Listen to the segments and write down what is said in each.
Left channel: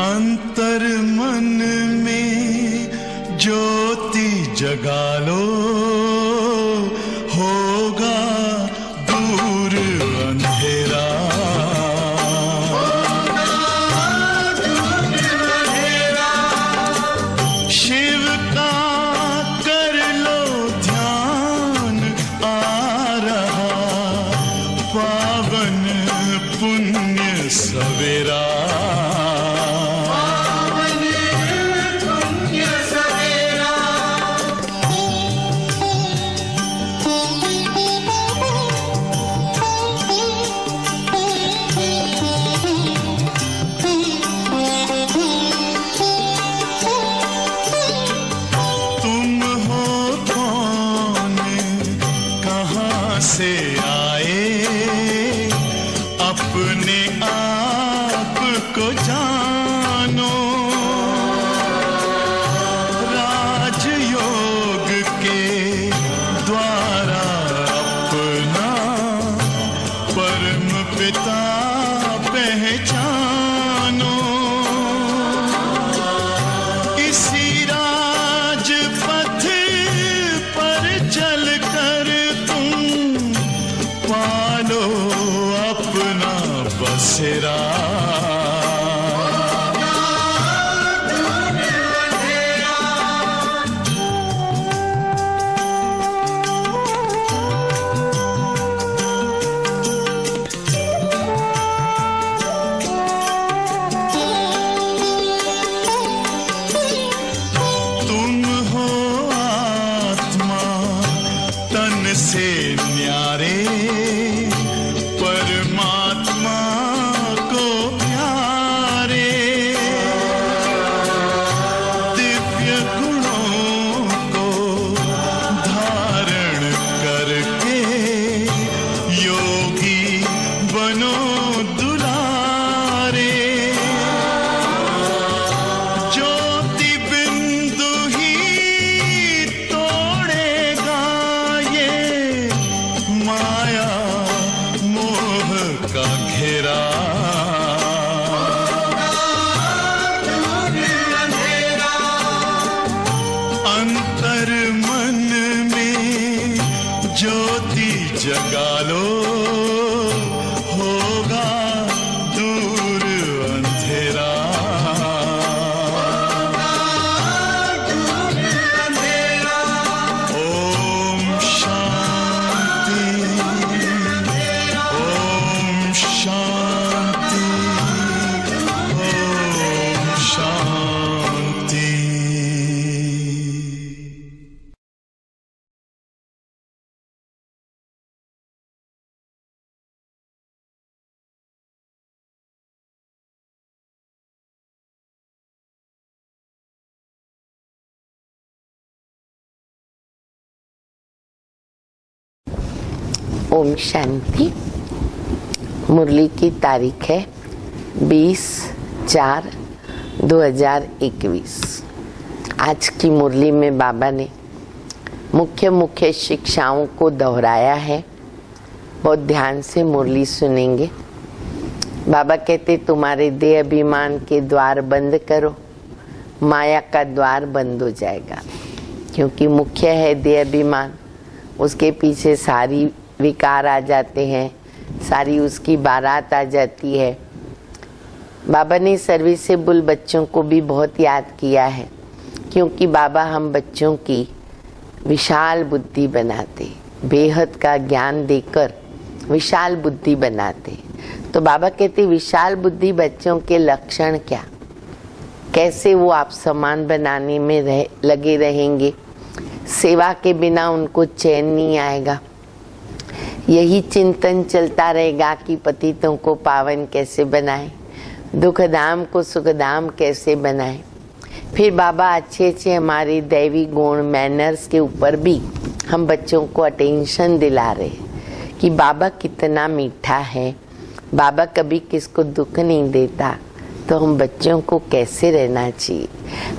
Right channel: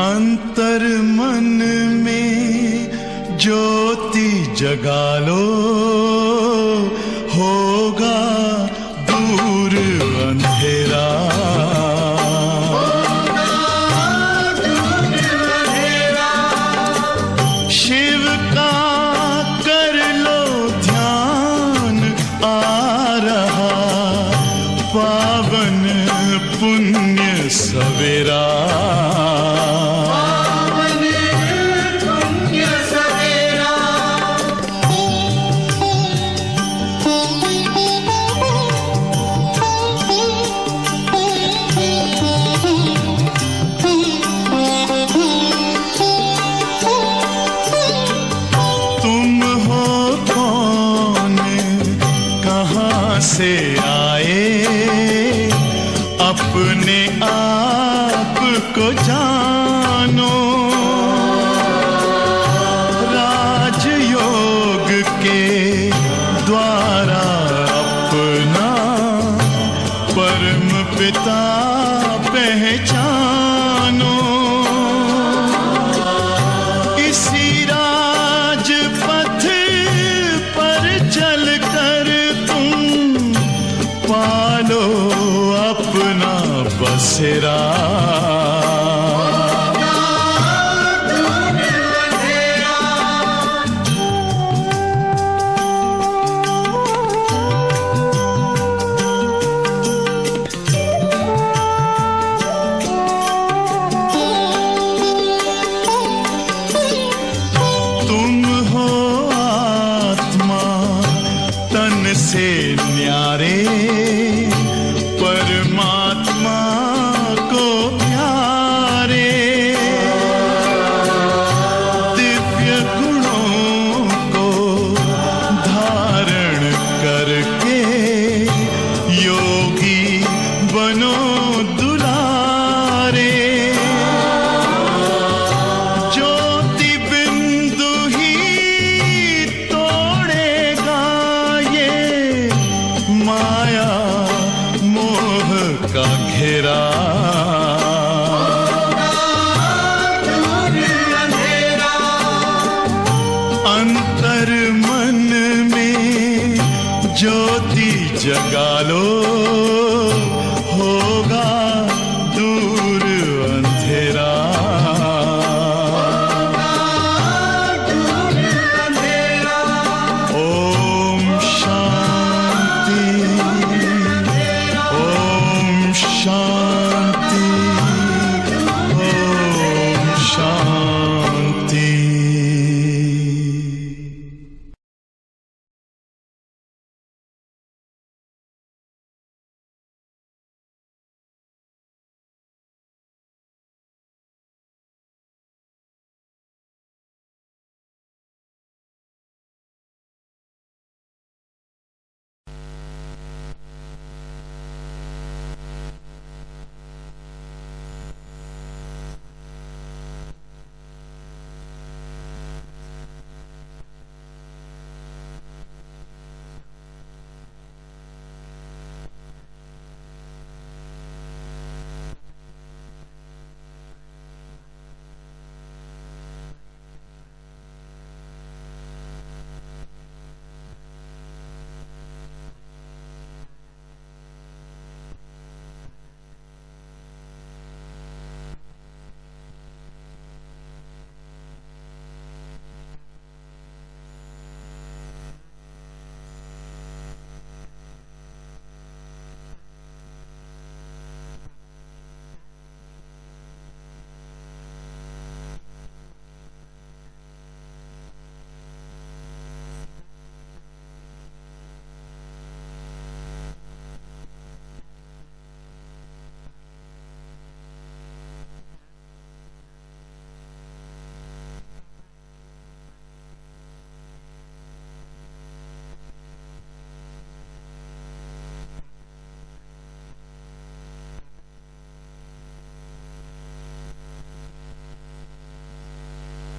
अंतर मन में ज्योति जगा लो, होगा दूर अंधेरा। शिव का कर लो ध्यान, आ रहा पावन पुण्य सवेरा। से आए अपने आप को जानो, राजयोग के द्वारा अपना परम पिता पहचानो। इसी राजपथ पर चलकर पालो अपना बसेरा। तुम हो आत्मा तन से न्यारे, परमात्मा को प्यारे। दिव्य गुणों को धारण करके योगी बनो दुलारे। ज्योति बिंदु ही तोड़ेगा ये माया मोह का घेरा। अंतर मन में ज्योति जगा लो, होगा दूर अंधेरा। ओम शांति, ओम शांति, ओम शांति। ओम शांति। मुरली की तारीख है 20/4/2021। आज की मुरली में बाबा ने मुख्य मुख्य शिक्षाओं को दोहराया है। बहुत ध्यान से मुरली सुनेंगे। बाबा कहते तुम्हारे देह अभिमान के द्वार बंद करो, माया का द्वार बंद हो जाएगा। क्योंकि मुख्य है देह अभिमान, उसके पीछे सारी विकार आ जाते हैं, सारी उसकी बारात आ जाती है। बाबा ने सर्विसेबल बच्चों को भी बहुत याद किया है, क्योंकि बाबा हम बच्चों की विशाल बुद्धि बनाते, बेहद का ज्ञान देकर विशाल बुद्धि बनाते। तो बाबा कहते विशाल बुद्धि बच्चों के लक्षण क्या, कैसे वो आप समान बनाने में लगे रहेंगे। सेवा के बिना उनको चैन नहीं आएगा। यही चिंतन चलता रहेगा कि पतितों को पावन कैसे बनाए, दुखधाम को सुखधाम कैसे बनाए। फिर बाबा अच्छे हमारे दैवी गुण मैनर्स के ऊपर भी हम बच्चों को अटेंशन दिला रहे कि बाबा कितना मीठा है, बाबा कभी किसको दुख नहीं देता। तो हम बच्चों को कैसे रहना चाहिए,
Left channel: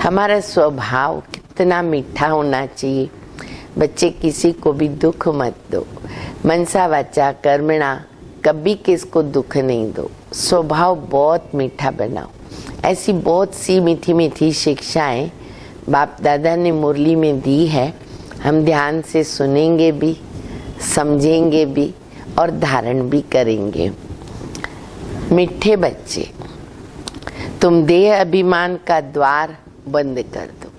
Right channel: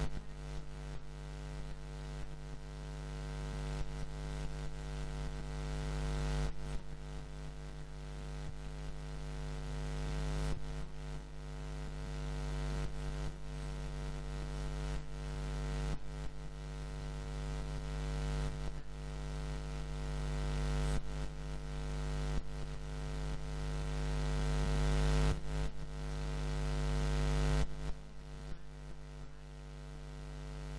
हमारा स्वभाव कितना मीठा होना चाहिए। बच्चे किसी को भी दुख मत दो, मनसा वाचा कर्मणा कभी किसको दुख नहीं दो। स्वभाव बहुत मीठा बनाओ। ऐसी बहुत सी मीठी मीठी शिक्षाएं बाप दादा ने मुरली में दी है। हम ध्यान से सुनेंगे भी, समझेंगे भी और धारण भी करेंगे। मीठे बच्चे, तुम देह अभिमान का द्वार बंद कर दो,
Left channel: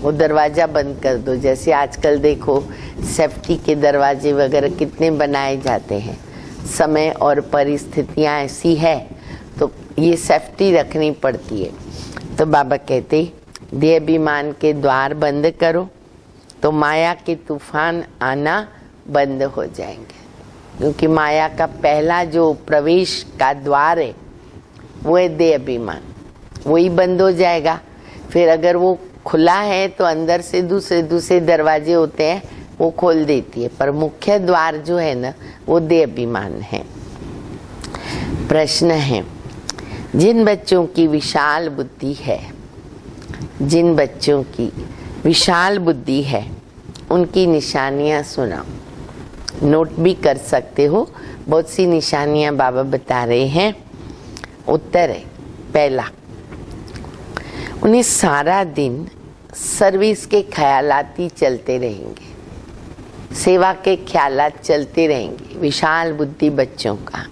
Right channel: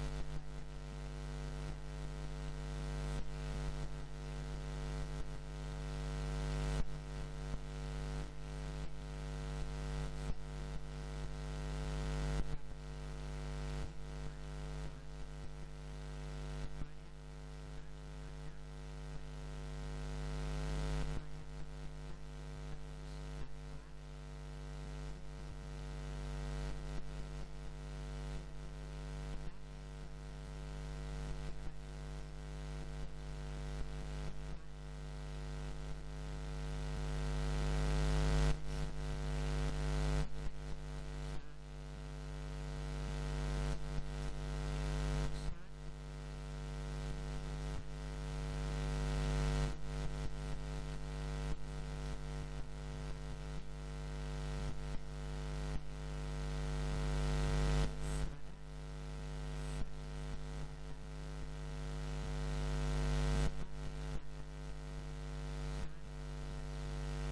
वो दरवाजा बंद कर दो। जैसे आजकल देखो सेफ्टी के दरवाजे वगैरह कितने बनाए जाते हैं। समय और परिस्थितियां ऐसी है तो ये सेफ्टी रखनी पड़ती है। तो बाबा कहते देह अभिमान के द्वार बंद करो तो माया के तूफान आना बंद हो जाएंगे। क्योंकि माया का पहला जो प्रवेश का द्वार है वो है देह अभिमान, वही बंद हो जाएगा। फिर अगर वो खुला है तो अंदर से दूसरे दूसरे दरवाजे होते हैं, वो खोल देती है। पर मुख्य द्वार जो है ना वो देह अभिमान है। प्रश्न है, जिन बच्चों की विशाल बुद्धि है, जिन बच्चों की विशाल बुद्धि है उनकी निशानियां सुनाओ। नोट भी कर सकते हो, बहुत सी निशानियां बाबा बता रहे हैं। उत्तर है, पहला, उन्हें सारा दिन सर्विस के ख्यालात ही चलते रहेंगे, सेवा के ख्यालात चलते रहेंगे। विशाल बुद्धि बच्चों का।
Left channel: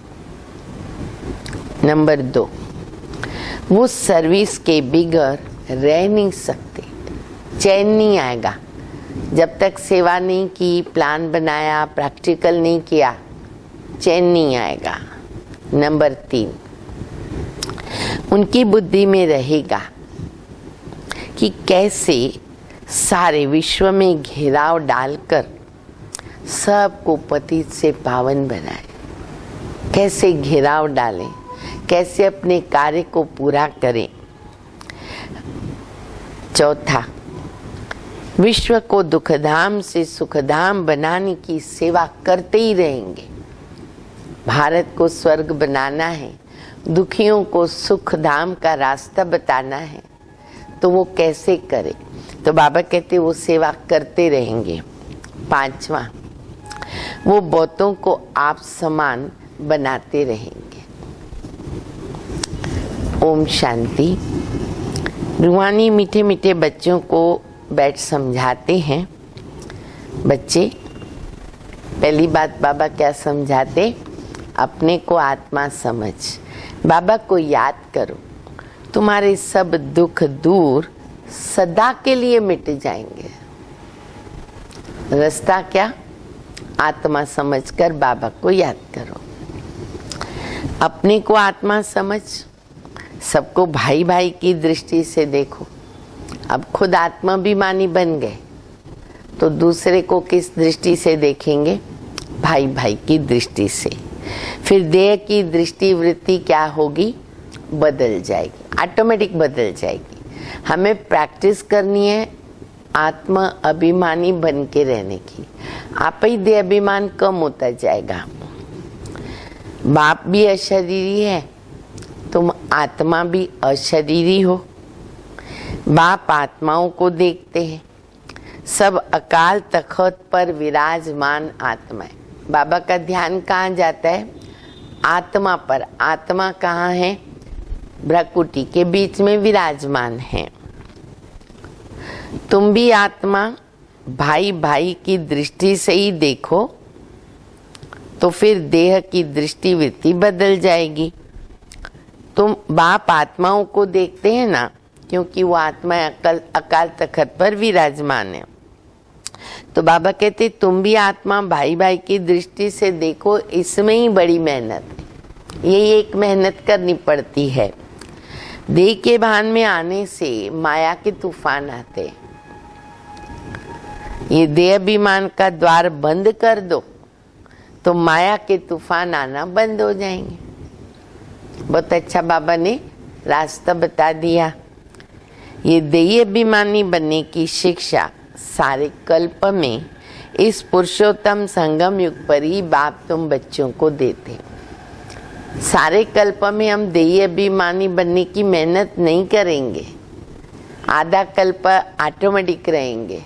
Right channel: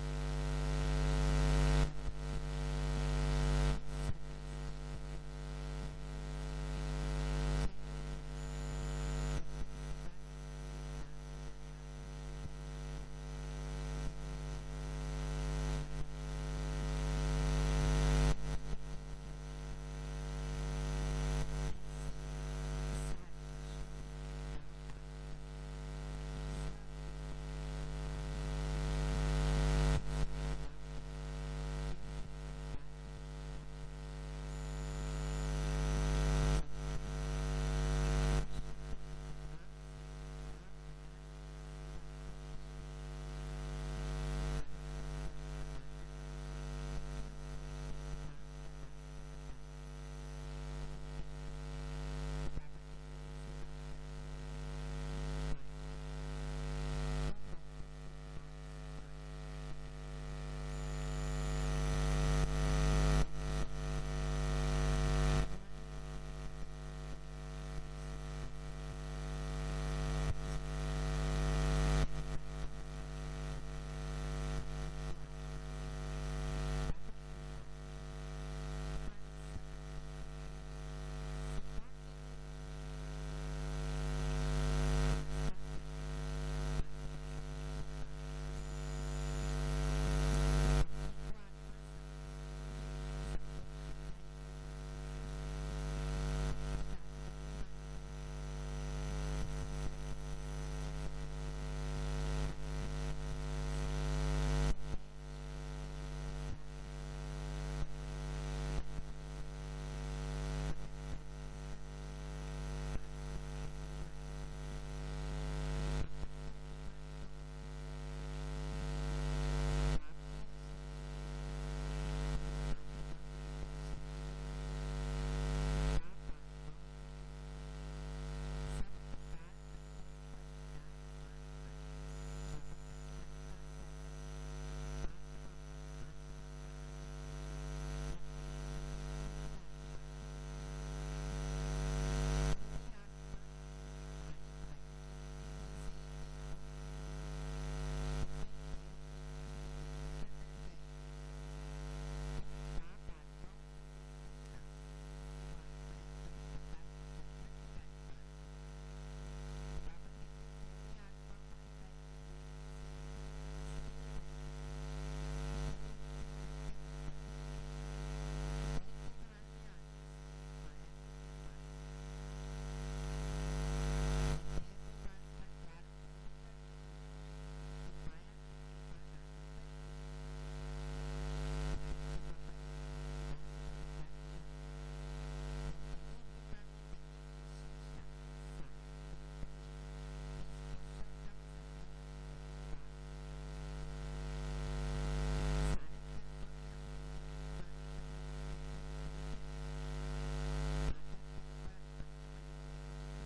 नंबर 2, वो सर्विस के बिगैर रह नहीं सकते, चैन नहीं आएगा जब तक सेवा नहीं की, प्लान बनाया, प्रैक्टिकल नहीं किया, चैन नहीं आएगा। नंबर 3, उनकी बुद्धि में रहेगा कि कैसे सारे विश्व में घेराव डालकर सबको पतित से पावन बनाए, कैसे घेराव डालें, कैसे अपने कार्य को पूरा करें। चौथा, विश्व को दुखधाम से सुखधाम बनाने की सेवा करते ही रहेंगे। भारत को स्वर्ग बनाना है, दुखियों को सुखधाम का रास्ता बताना है, तो वो कैसे करे? तो बाबा कहते वो सेवा करते रहेंगे। 5वां, वो बहुतों को आप समान बनाते रहेंगे। ओम शांति। रूहानी मीठे मीठे बच्चों को बैठ समझाते हैं। बच्चे, पहली बात बाबा क्या समझाते? अपने को आत्मा समझ, बाबा को याद करो, तुम्हारे सब दुख दूर सदा के लिए मिट जाएंगे। रास्ता क्या? आत्मा समझकर बाबा को याद करो। अपने को आत्मा समझ, सबको भाई भाई की दृष्टि से देखो। अब खुद आत्माभिमानी बन गए तो दूसरे को किस दृष्टि से देखेंगे? भाई भाई की दृष्टि से। फिर देह की दृष्टि वृत्ति क्या होगी? बदल जाएगी, ऑटोमेटिक बदल जाएगी। हमें प्रैक्टिस करनी है आत्मा अभिमानी बन के रहने की। आप ही देह अभिमान कम होता जाएगा। बाप भी अशरीरी है, तुम आत्मा भी अशरीरी हो। बाप आत्माओं को देखते हैं, सब अकाल तख्त पर विराजमान आत्मा है। बाबा का ध्यान कहाँ जाता है? आत्मा पर। आत्मा कहाँ है? भ्रकुटी के बीच में विराजमान है। तुम भी आत्मा भाई भाई की दृष्टि से ही देखो, तो फिर देह की दृष्टि वृत्ति बदल जाएगी। तुम बाप आत्माओं को देखते हैं ना, क्योंकि वो आत्मा अकाल तख्त पर विराजमान है। तो बाबा कहते तुम भी आत्मा भाई भाई की दृष्टि से देखो। इसमें ही बड़ी मेहनत है, यही एक मेहनत करनी पड़ती है। देह के भान में आने से माया के तूफान आते। ये देह अभिमान का द्वार बंद कर दो तो माया के तूफान आना बंद हो जाएंगे। बहुत अच्छा बाबा ने रास्ता बता दिया। ये देह अभिमानी बनने की शिक्षा सारे कल्प में इस पुरुषोत्तम संगम युग पर ही बाप तुम बच्चों को देते। सारे कल्प में हम देह अभिमानी बनने की मेहनत नहीं करेंगे, आधा कल्प ऑटोमेटिक रहेंगे।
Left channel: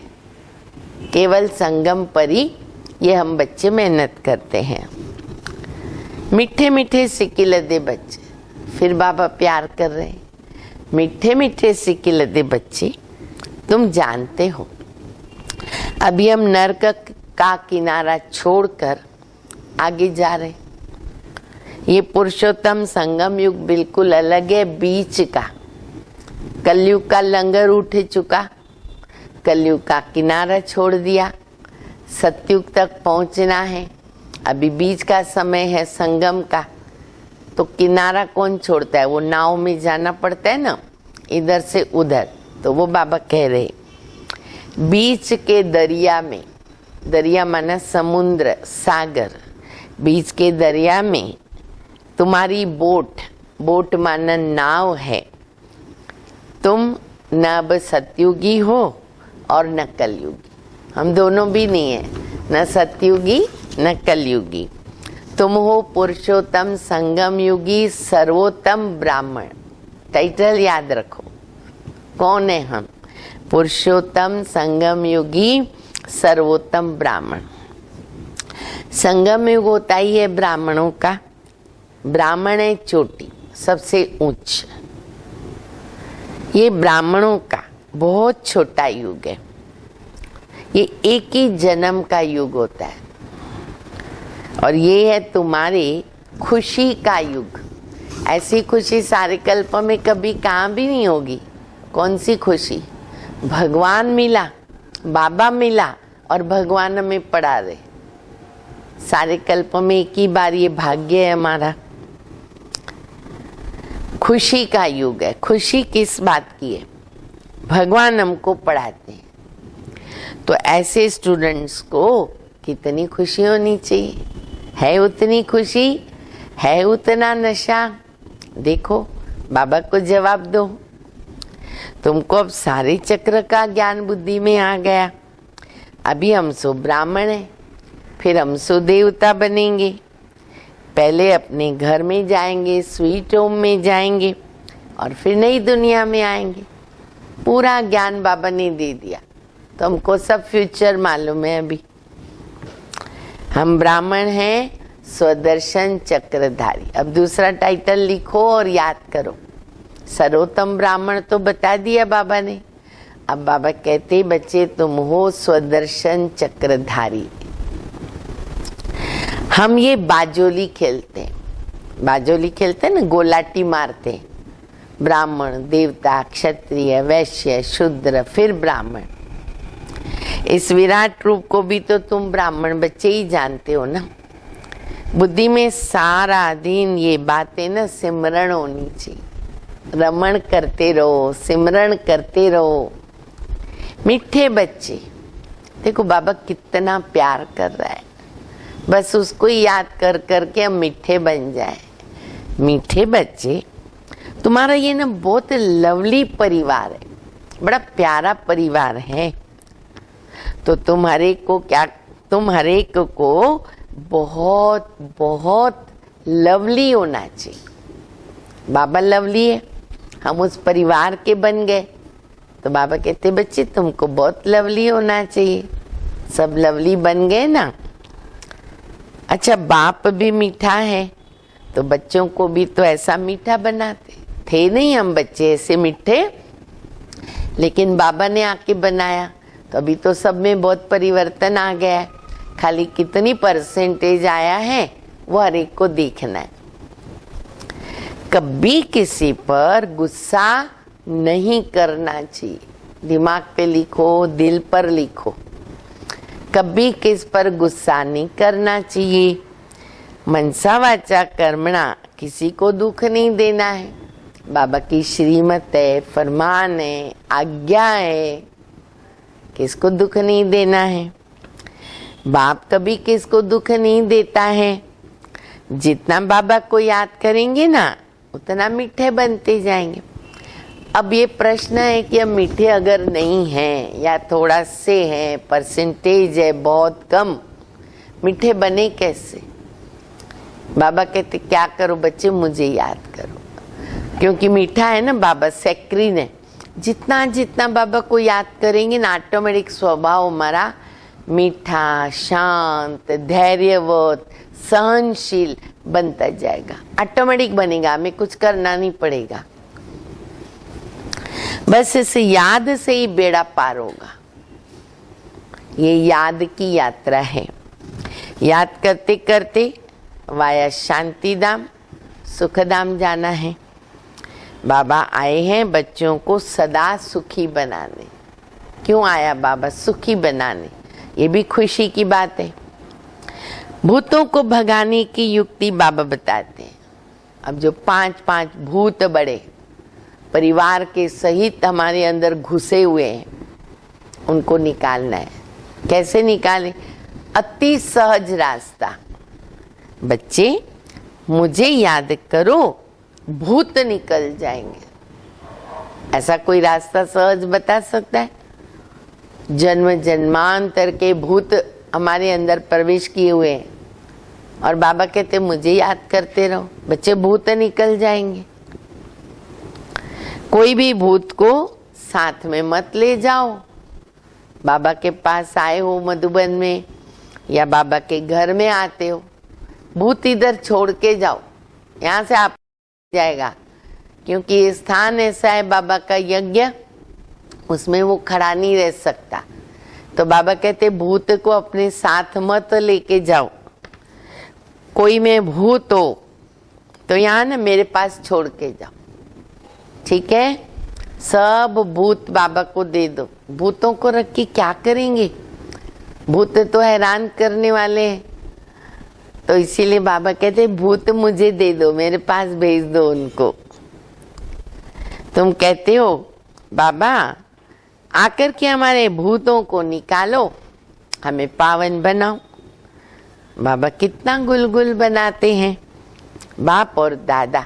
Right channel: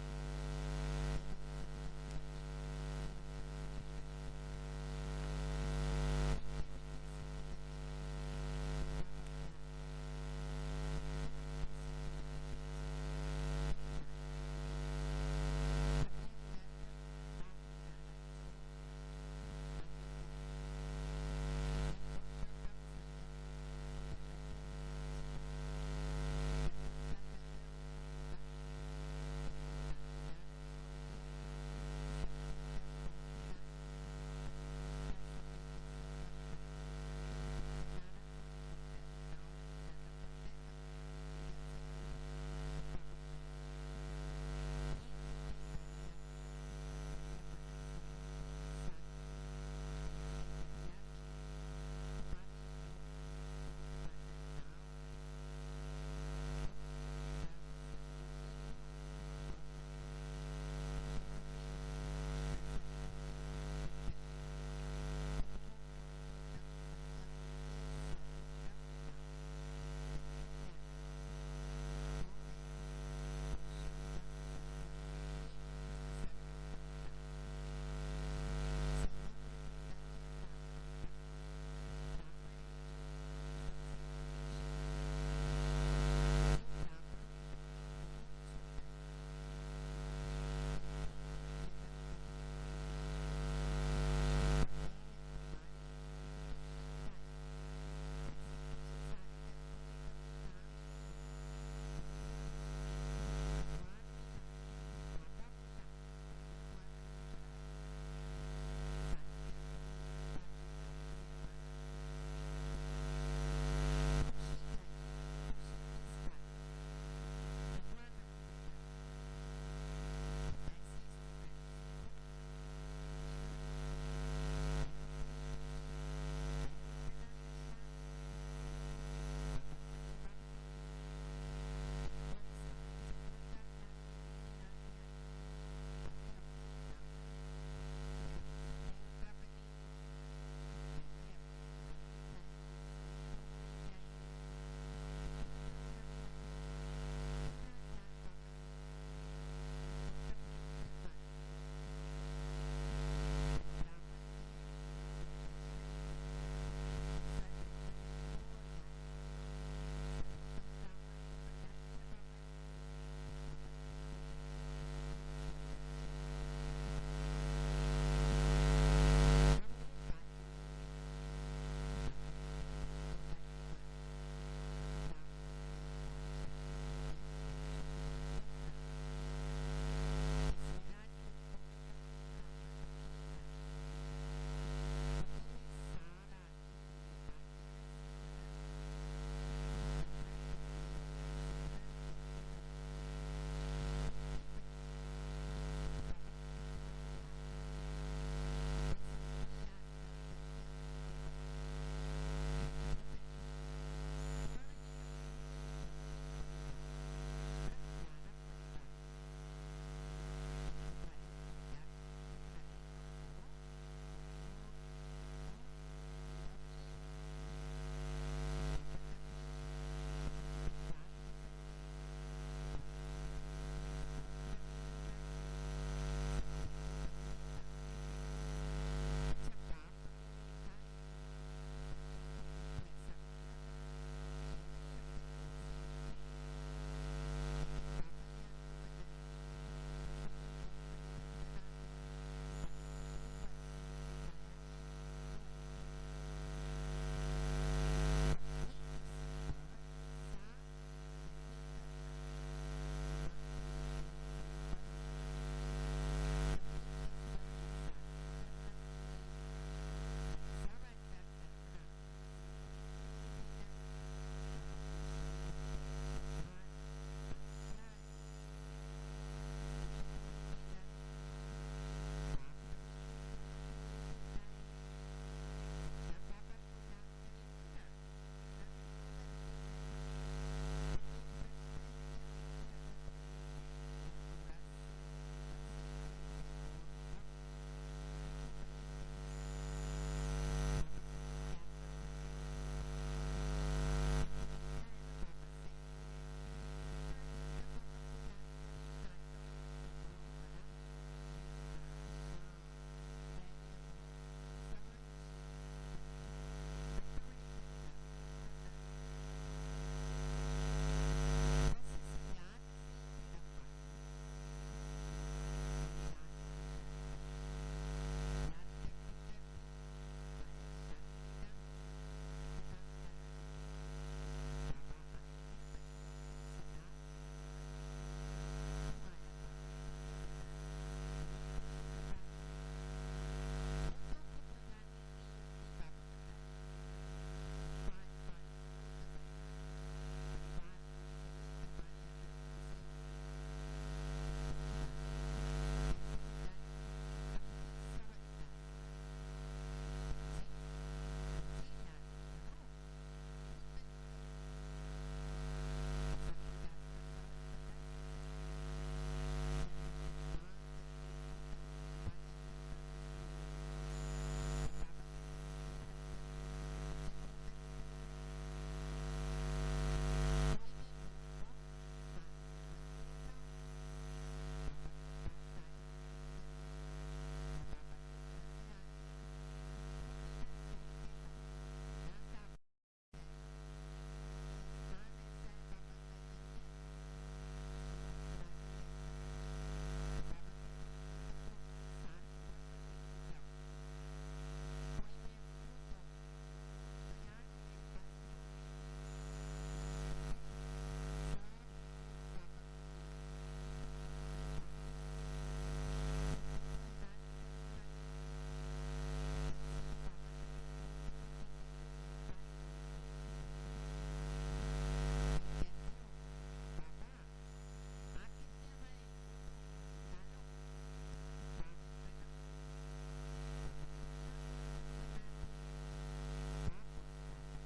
केवल संगम पर ही ये हम बच्चे मेहनत करते हैं। मीठे मीठे सिकिलदे बच्चे, फिर बाबा प्यार कर रहे हैं। मीठे मीठे सिकिलदे बच्चे, तुम जानते हो अभी हम नरक का किनारा छोड़कर आगे जा रहे। ये पुरुषोत्तम संगम युग बिल्कुल अलग है बीच का। कलयुग का लंगर उठ चुका, कलयुग का किनारा छोड़ दिया, सतयुग तक पहुंचना है। अभी बीच का समय है संगम का, तो किनारा कौन छोड़ता है? वो नाव में जाना पड़ता है ना, इधर से उधर। तो वो बाबा कह रहे बीच के दरिया में, दरिया माना समुद्र सागर, बीच के दरिया में तुम्हारी बोट, बोट माना नाव है। तुम न अब सतयुगी हो और न कलयुगी, हम दोनों भी नहीं है, न सतयुगी न कलयुगी। तुम हो पुरुषोत्तम संगम युगी सर्वोत्तम ब्राह्मण। टाइटल याद रखो, कौन है हम? पुरुषोत्तम संगम युगी सर्वोत्तम ब्राह्मण। संगम युग होता ही है ब्राह्मणों का। ब्राह्मण है चोटी, सबसे उच्च। ये ब्राह्मणों का बहुत छोटा युग है। ये एक ही जन्म का युग होता है, और ये है तुम्हारी खुशी का युग। ऐसी खुशी सारे कल्प में कभी कहाँ भी नहीं होगी। कौन सी खुशी? भगवान मिला, बाबा मिला और भगवान में पड़ा रहे। सारे कल्प में एक ही बार ये भाग्य है हमारा। खुशी का युग है। खुशी किस बात की है? भगवान हमको पढ़ाते हैं। तो ऐसे स्टूडेंट्स को कितनी खुशी होनी चाहिए? है उतनी खुशी? है उतना नशा? देखो, बाबा को जवाब दो। तुमको अब सारे चक्र का ज्ञान बुद्धि में आ गया। अभी हम सो ब्राह्मण है, फिर हम सो देवता बनेंगे। पहले अपने घर में जाएंगे, स्वीट होम में जाएंगे, और फिर नई दुनिया में आएंगे। पूरा ज्ञान बाबा ने दे दिया, तो हमको सब फ्यूचर मालूम है। अभी हम ब्राह्मण हैं, स्वदर्शन चक्रधारी। अब दूसरा टाइटल लिखो और याद करो। सर्वोत्तम ब्राह्मण तो बता दिया बाबा ने। अब बाबा कहते बच्चे तुम हो स्वदर्शन चक्रधारी। हम ये बाजोली खेलते हैं, बाजोली खेलते हैं ना, गोलाटी मारते हैं। ब्राह्मण, देवता, क्षत्रिय, वैश्य, शूद्र, फिर ब्राह्मण। इस विराट रूप को भी तो तुम ब्राह्मण बच्चे ही जानते हो ना। बुद्धि में सारा दिन ये बातें ना सिमरण होनी चाहिए। रमण करते रहो, सिमरण करते रहो। मीठे बच्चे, देखो बाबा कितना प्यार कर रहा है। बस उसको ही याद कर करके हम मीठे बन जाए। मीठे बच्चे, तुम्हारा ये ना बहुत लवली परिवार है, बड़ा प्यारा परिवार है। तो तुम हरेक को क्या, तुम हरेक को बहुत बहुत लवली होना चाहिए। बाबा लवली है, हम उस परिवार के बन गए। तो बाबा कहते बच्चे तुमको बहुत लवली होना चाहिए। सब लवली बन गए ना। अच्छा, बाप भी मीठा है, तो बच्चों को भी तो ऐसा मीठा बनाते थे नहीं हम बच्चे ऐसे मीठे, लेकिन बाबा ने आके बनाया। तो अभी तो सब में बहुत परिवर्तन आ गया है। खाली कितनी परसेंटेज आया है वो हर एक को देखना है। कभी किसी पर गुस्सा नहीं करना चाहिए। दिमाग पे लिखो, दिल पर लिखो। कभी किस पर गुस्सा नहीं करना चाहिए। मनसा वाचा कर्मणा, किसी को दुख नहीं देना है। बाबा की श्रीमत है, फरमान है, आज्ञा है, किसको दुख नहीं देना है। बाप कभी किसको दुख नहीं देता है। जितना बाबा को याद करेंगे ना, उतना मीठे बनते जाएंगे। अब ये प्रश्न है कि हम मीठे अगर नहीं हैं या थोड़ा से हैं, परसेंटेज है बहुत कम, मीठे बने कैसे? बाबा कहते क्या करो बच्चे, मुझे याद करो। क्योंकि मीठा है ना बाबा, सेक्रीन है। जितना जितना बाबा को याद करेंगे ना, ऑटोमेटिक स्वभाव हमारा मीठा, शांत, धैर्यवत, सहनशील बनता जाएगा, ऑटोमेटिक बनेगा, हमें कुछ करना नहीं पड़ेगा। बस इस याद से ही बेड़ा पार होगा। ये याद की यात्रा है। याद करते करते वाया शांतिधाम सुखधाम जाना है। बाबा आए हैं बच्चों को सदा सुखी बनाने। क्यों आया बाबा? सुखी बनाने। ये भी खुशी की बात है। भूतों को भगाने की युक्ति बाबा बताते हैं। अब जो 5-5 भूत बड़े परिवार के सहित हमारे अंदर घुसे हुए हैं, उनको निकालना है। कैसे निकालें? अति सहज रास्ता। बच्चे मुझे याद करो, भूत निकल जाएंगे। ऐसा कोई रास्ता सहज बता सकता है? जन्म जन्मांतर के भूत हमारे अंदर प्रवेश किए हुए हैं और बाबा कहते मुझे याद करते रहो, बच्चे भूत निकल जाएंगे। कोई भी भूत को साथ में मत ले जाओ। बाबा के पास आए हो मधुबन में या बाबा के घर में आते हो, भूत इधर छोड़ के जाओ, यहाँ से आप जाएगा। क्योंकि ये स्थान ऐसा है बाबा का यज्ञ, उसमें वो खड़ा नहीं रह सकता। तो बाबा कहते भूत को अपने साथ मत लेके जाओ। कोई में भूत हो तो यहाँ ना मेरे पास छोड़ के जाओ, ठीक है? सब भूत बाबा को दे दो। भूतों को रख के क्या करेंगे? भूत तो हैरान करने वाले हैं। तो इसीलिए बाबा कहते भूत मुझे दे दो, मेरे पास भेज दो उनको। तुम कहते हो बाबा आकर के हमारे भूतों को निकालो, हमें पावन बनाओ। बाबा कितना गुलगुल बनाते हैं। बाप और दादा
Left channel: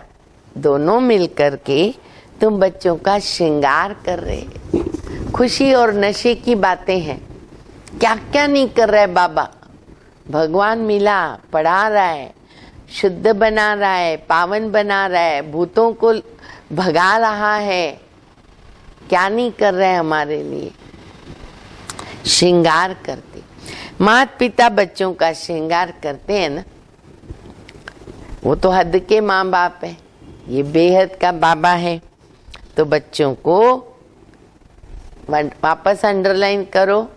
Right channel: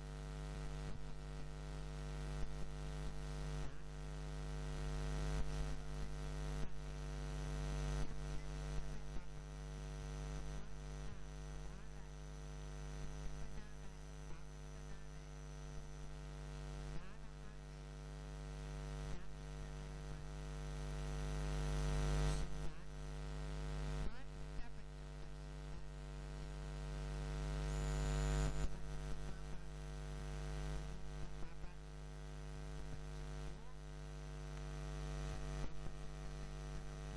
दोनों मिलकर के तुम बच्चों का श्रृंगार कर रहे। खुशी और नशे की बातें हैं। क्या क्या नहीं कर रहा है बाबा। भगवान मिला, पढ़ा रहा है, शुद्ध बना रहा है, पावन बना रहा है, भूतों को भगा रहा है। क्या नहीं कर रहे हमारे लिए? श्रृंगार करते। माता पिता बच्चों का श्रृंगार करते हैं ना, वो तो हद के माँ बाप है, ये बेहद का बाबा है। तो बच्चों को वापस अंडरलाइन करो,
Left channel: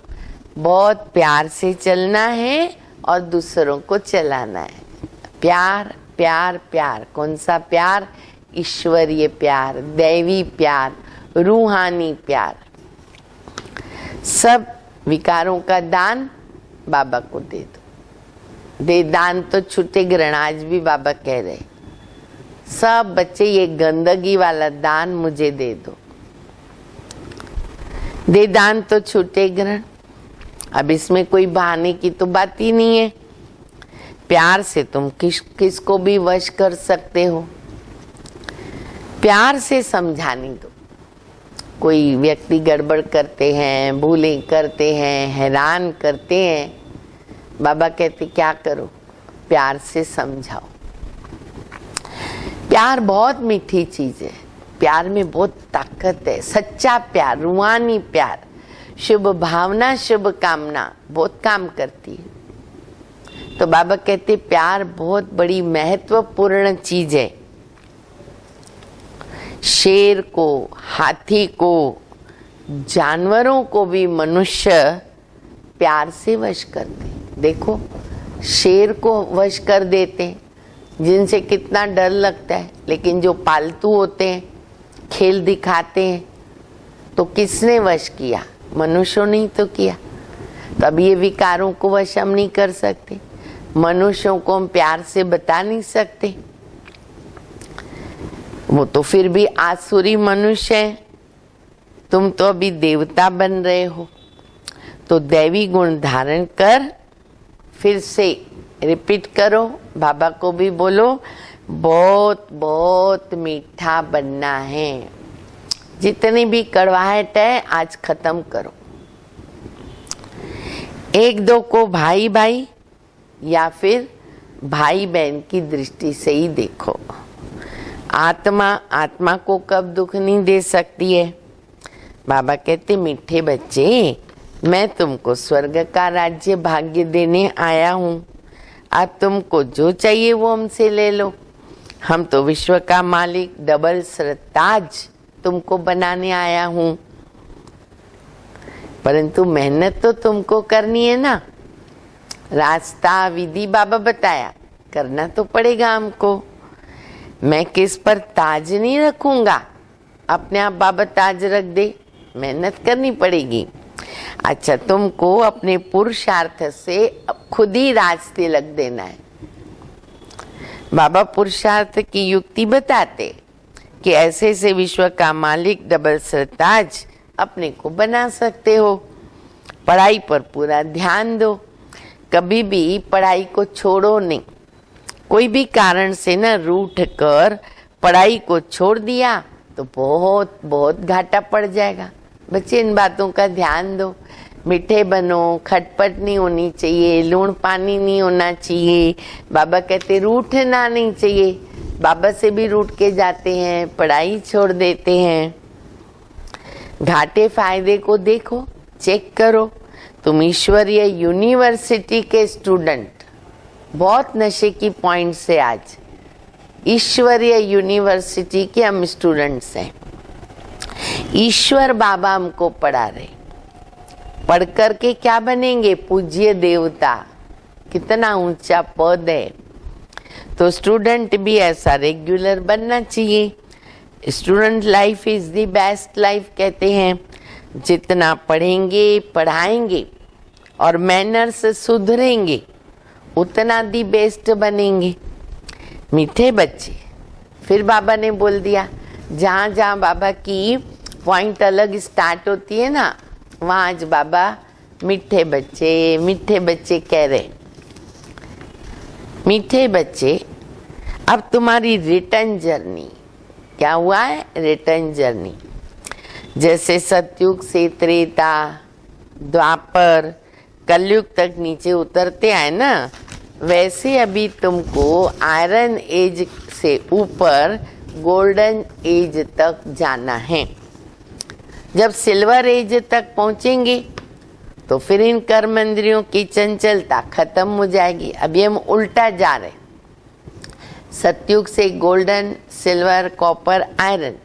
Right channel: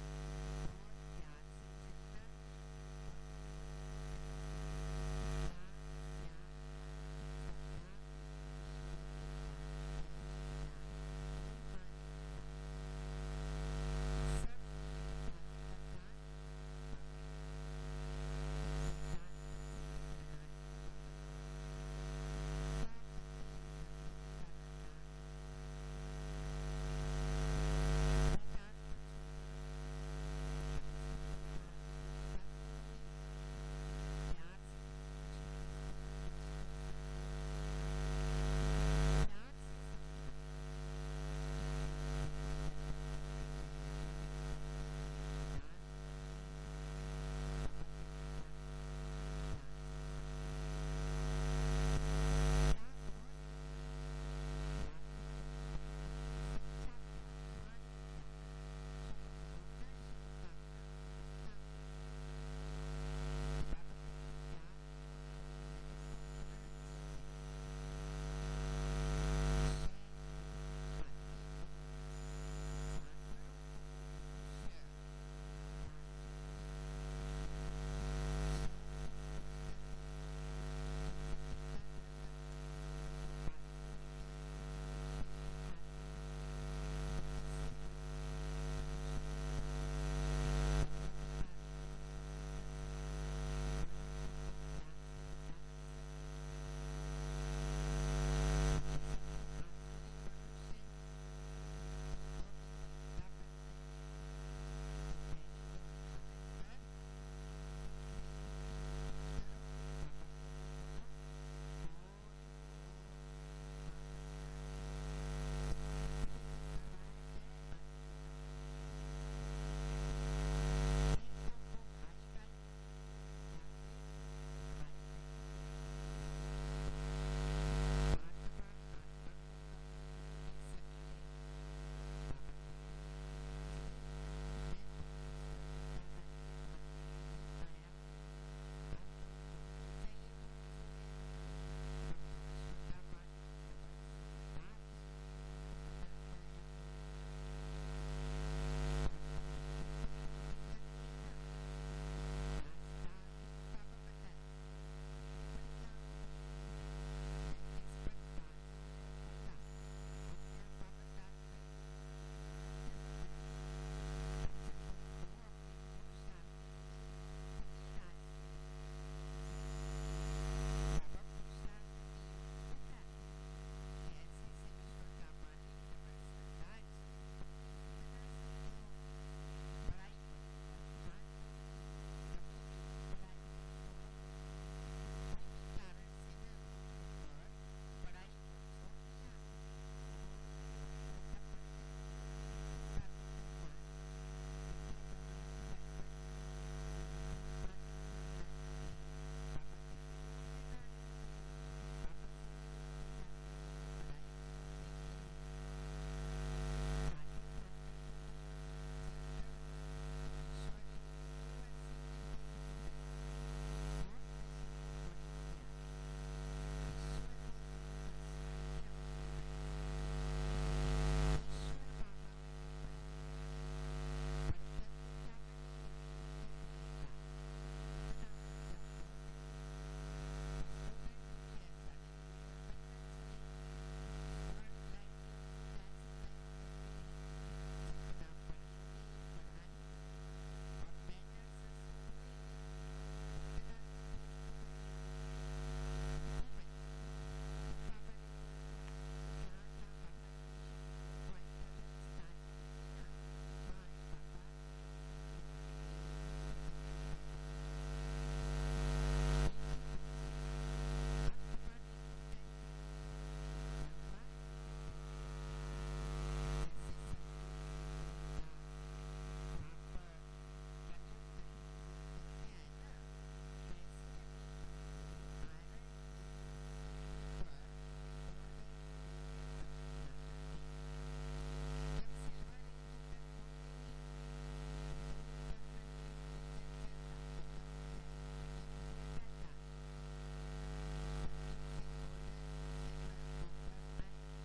बहुत प्यार से चलना है और दूसरों को चलाना है। प्यार प्यार प्यार। कौन सा प्यार? ईश्वरीय प्यार, दैवी प्यार, रूहानी प्यार। सब विकारों का दान बाबा को दे दो। दे दान तो छूटे ग्रहण, आज भी बाबा कह रहे सब बच्चे ये गंदगी वाला दान मुझे दे दो। दे दान तो छूटे ग्रहण। अब इसमें कोई बहाने की तो बात ही नहीं है। प्यार से तुम किसको भी वश कर सकते हो। प्यार से समझाने दो। कोई व्यक्ति गड़बड़ करते हैं, भूलें करते हैं, हैरान करते हैं, बाबा कहते क्या करो? प्यार से समझाओ। प्यार बहुत मीठी चीज है। प्यार में बहुत ताकत है। सच्चा प्यार, रूहानी प्यार, शुभ भावना, शुभ कामना बहुत काम करती है। तो बाबा कहते प्यार बहुत बड़ी महत्वपूर्ण चीज है। शेर को, हाथी को, जानवरों को भी मनुष्य प्यार से वश करते। देखो शेर को वश कर देते, जिनसे कितना डर लगता है, लेकिन जो पालतू होते हैं, खेल दिखाते हैं, तो किसने वश किया? मनुष्यों ने तो किया। तब ये विकारों को वश हम नहीं कर सकते। मनुष्यों को हम प्यार से बता नहीं सकते। वो तो फिर भी आसुरी मनुष्य है। तुम तो अभी देवता बन रहे हो। तो दैवी गुण धारण कर, फिर से रिपीट करो। बाबा को भी बोलो बहुत बहुत मीठा बनना है। जितनी भी कड़वाहट है आज खत्म करो। एक दो को भाई भाई या फिर भाई बहन की दृष्टि से ही देखो। आत्मा को कब दुख नहीं दे सकती है। बाबा कहते मीठे बच्चे, मैं तुमको स्वर्ग का राज्य भाग्य देने आया हूँ। अब तुमको जो चाहिए वो हमसे ले लो, हम तो विश्व का मालिक डबल सरताज तुमको बनाने आया हूं। परंतु मेहनत तो तुमको करनी है ना, रास्ता विधि बाबा बताया, करना तो पड़ेगा हमको। मैं किस पर ताज नहीं रखूंगा, अपने आप बाबा ताज रख दे, मेहनत करनी पड़ेगी। अच्छा, तुमको अपने पुरुषार्थ से खुद ही राज तिलक देना है। बाबा पुरुषार्थ की युक्ति बताते कि ऐसे से विश्व का मालिक डबल सरताज अपने को बना सकते हो। पढ़ाई पर पूरा ध्यान दो, कभी भी पढ़ाई को छोड़ो नहीं। कोई भी कारण से न रूठ कर पढ़ाई को छोड़ दिया तो बहुत बहुत घाटा पड़ जाएगा। बच्चे इन बातों का ध्यान दो। मीठे बनो, खटपट नहीं होनी चाहिए, लूण पानी नहीं होना चाहिए। बाबा कहते रूठना नहीं चाहिए। बाबा से भी रूठ के जाते हैं, पढ़ाई छोड़ देते हैं। घाटे फायदे को देखो, चेक करो। तुम ईश्वरीय यूनिवर्सिटी के स्टूडेंट, बहुत नशे की पॉइंट से आज ईश्वरीय यूनिवर्सिटी के हम स्टूडेंट्स हैं। ईश्वर बाबा हमको पढ़ा रहे। पढ़ कर के क्या बनेंगे? पूज्य देवता। कितना ऊंचा पद है। तो स्टूडेंट भी ऐसा रेगुलर बनना चाहिए। Student life is the best life कहते हैं। जितना पढ़ेंगे, पढ़ाएंगे और मैनर्स सुधरेंगे, उतना दी बेस्ट बनेंगे। मीठे बच्चे, फिर बाबा ने बोल दिया, जहाँ जहाँ बाबा की पॉइंट अलग स्टार्ट होती है ना, वहाँ आज बाबा मीठे बच्चे कह रहे। मीठे बच्चे, अब तुम्हारी रिटर्न जर्नी क्या हुआ है? Return journey. जैसे सतयुग से त्रेता, द्वापर, कलयुग तक नीचे उतरते आए ना, वैसे अभी तुमको आयरन एज से ऊपर गोल्डन एज तक जाना है। जब सिल्वर एज तक पहुंचेंगे तो फिर इन कर्म इंद्रियों की चंचलता खत्म हो जाएगी। अभी हम उल्टा जा रहे, सतयुग से गोल्डन, सिल्वर, कॉपर, आयरन।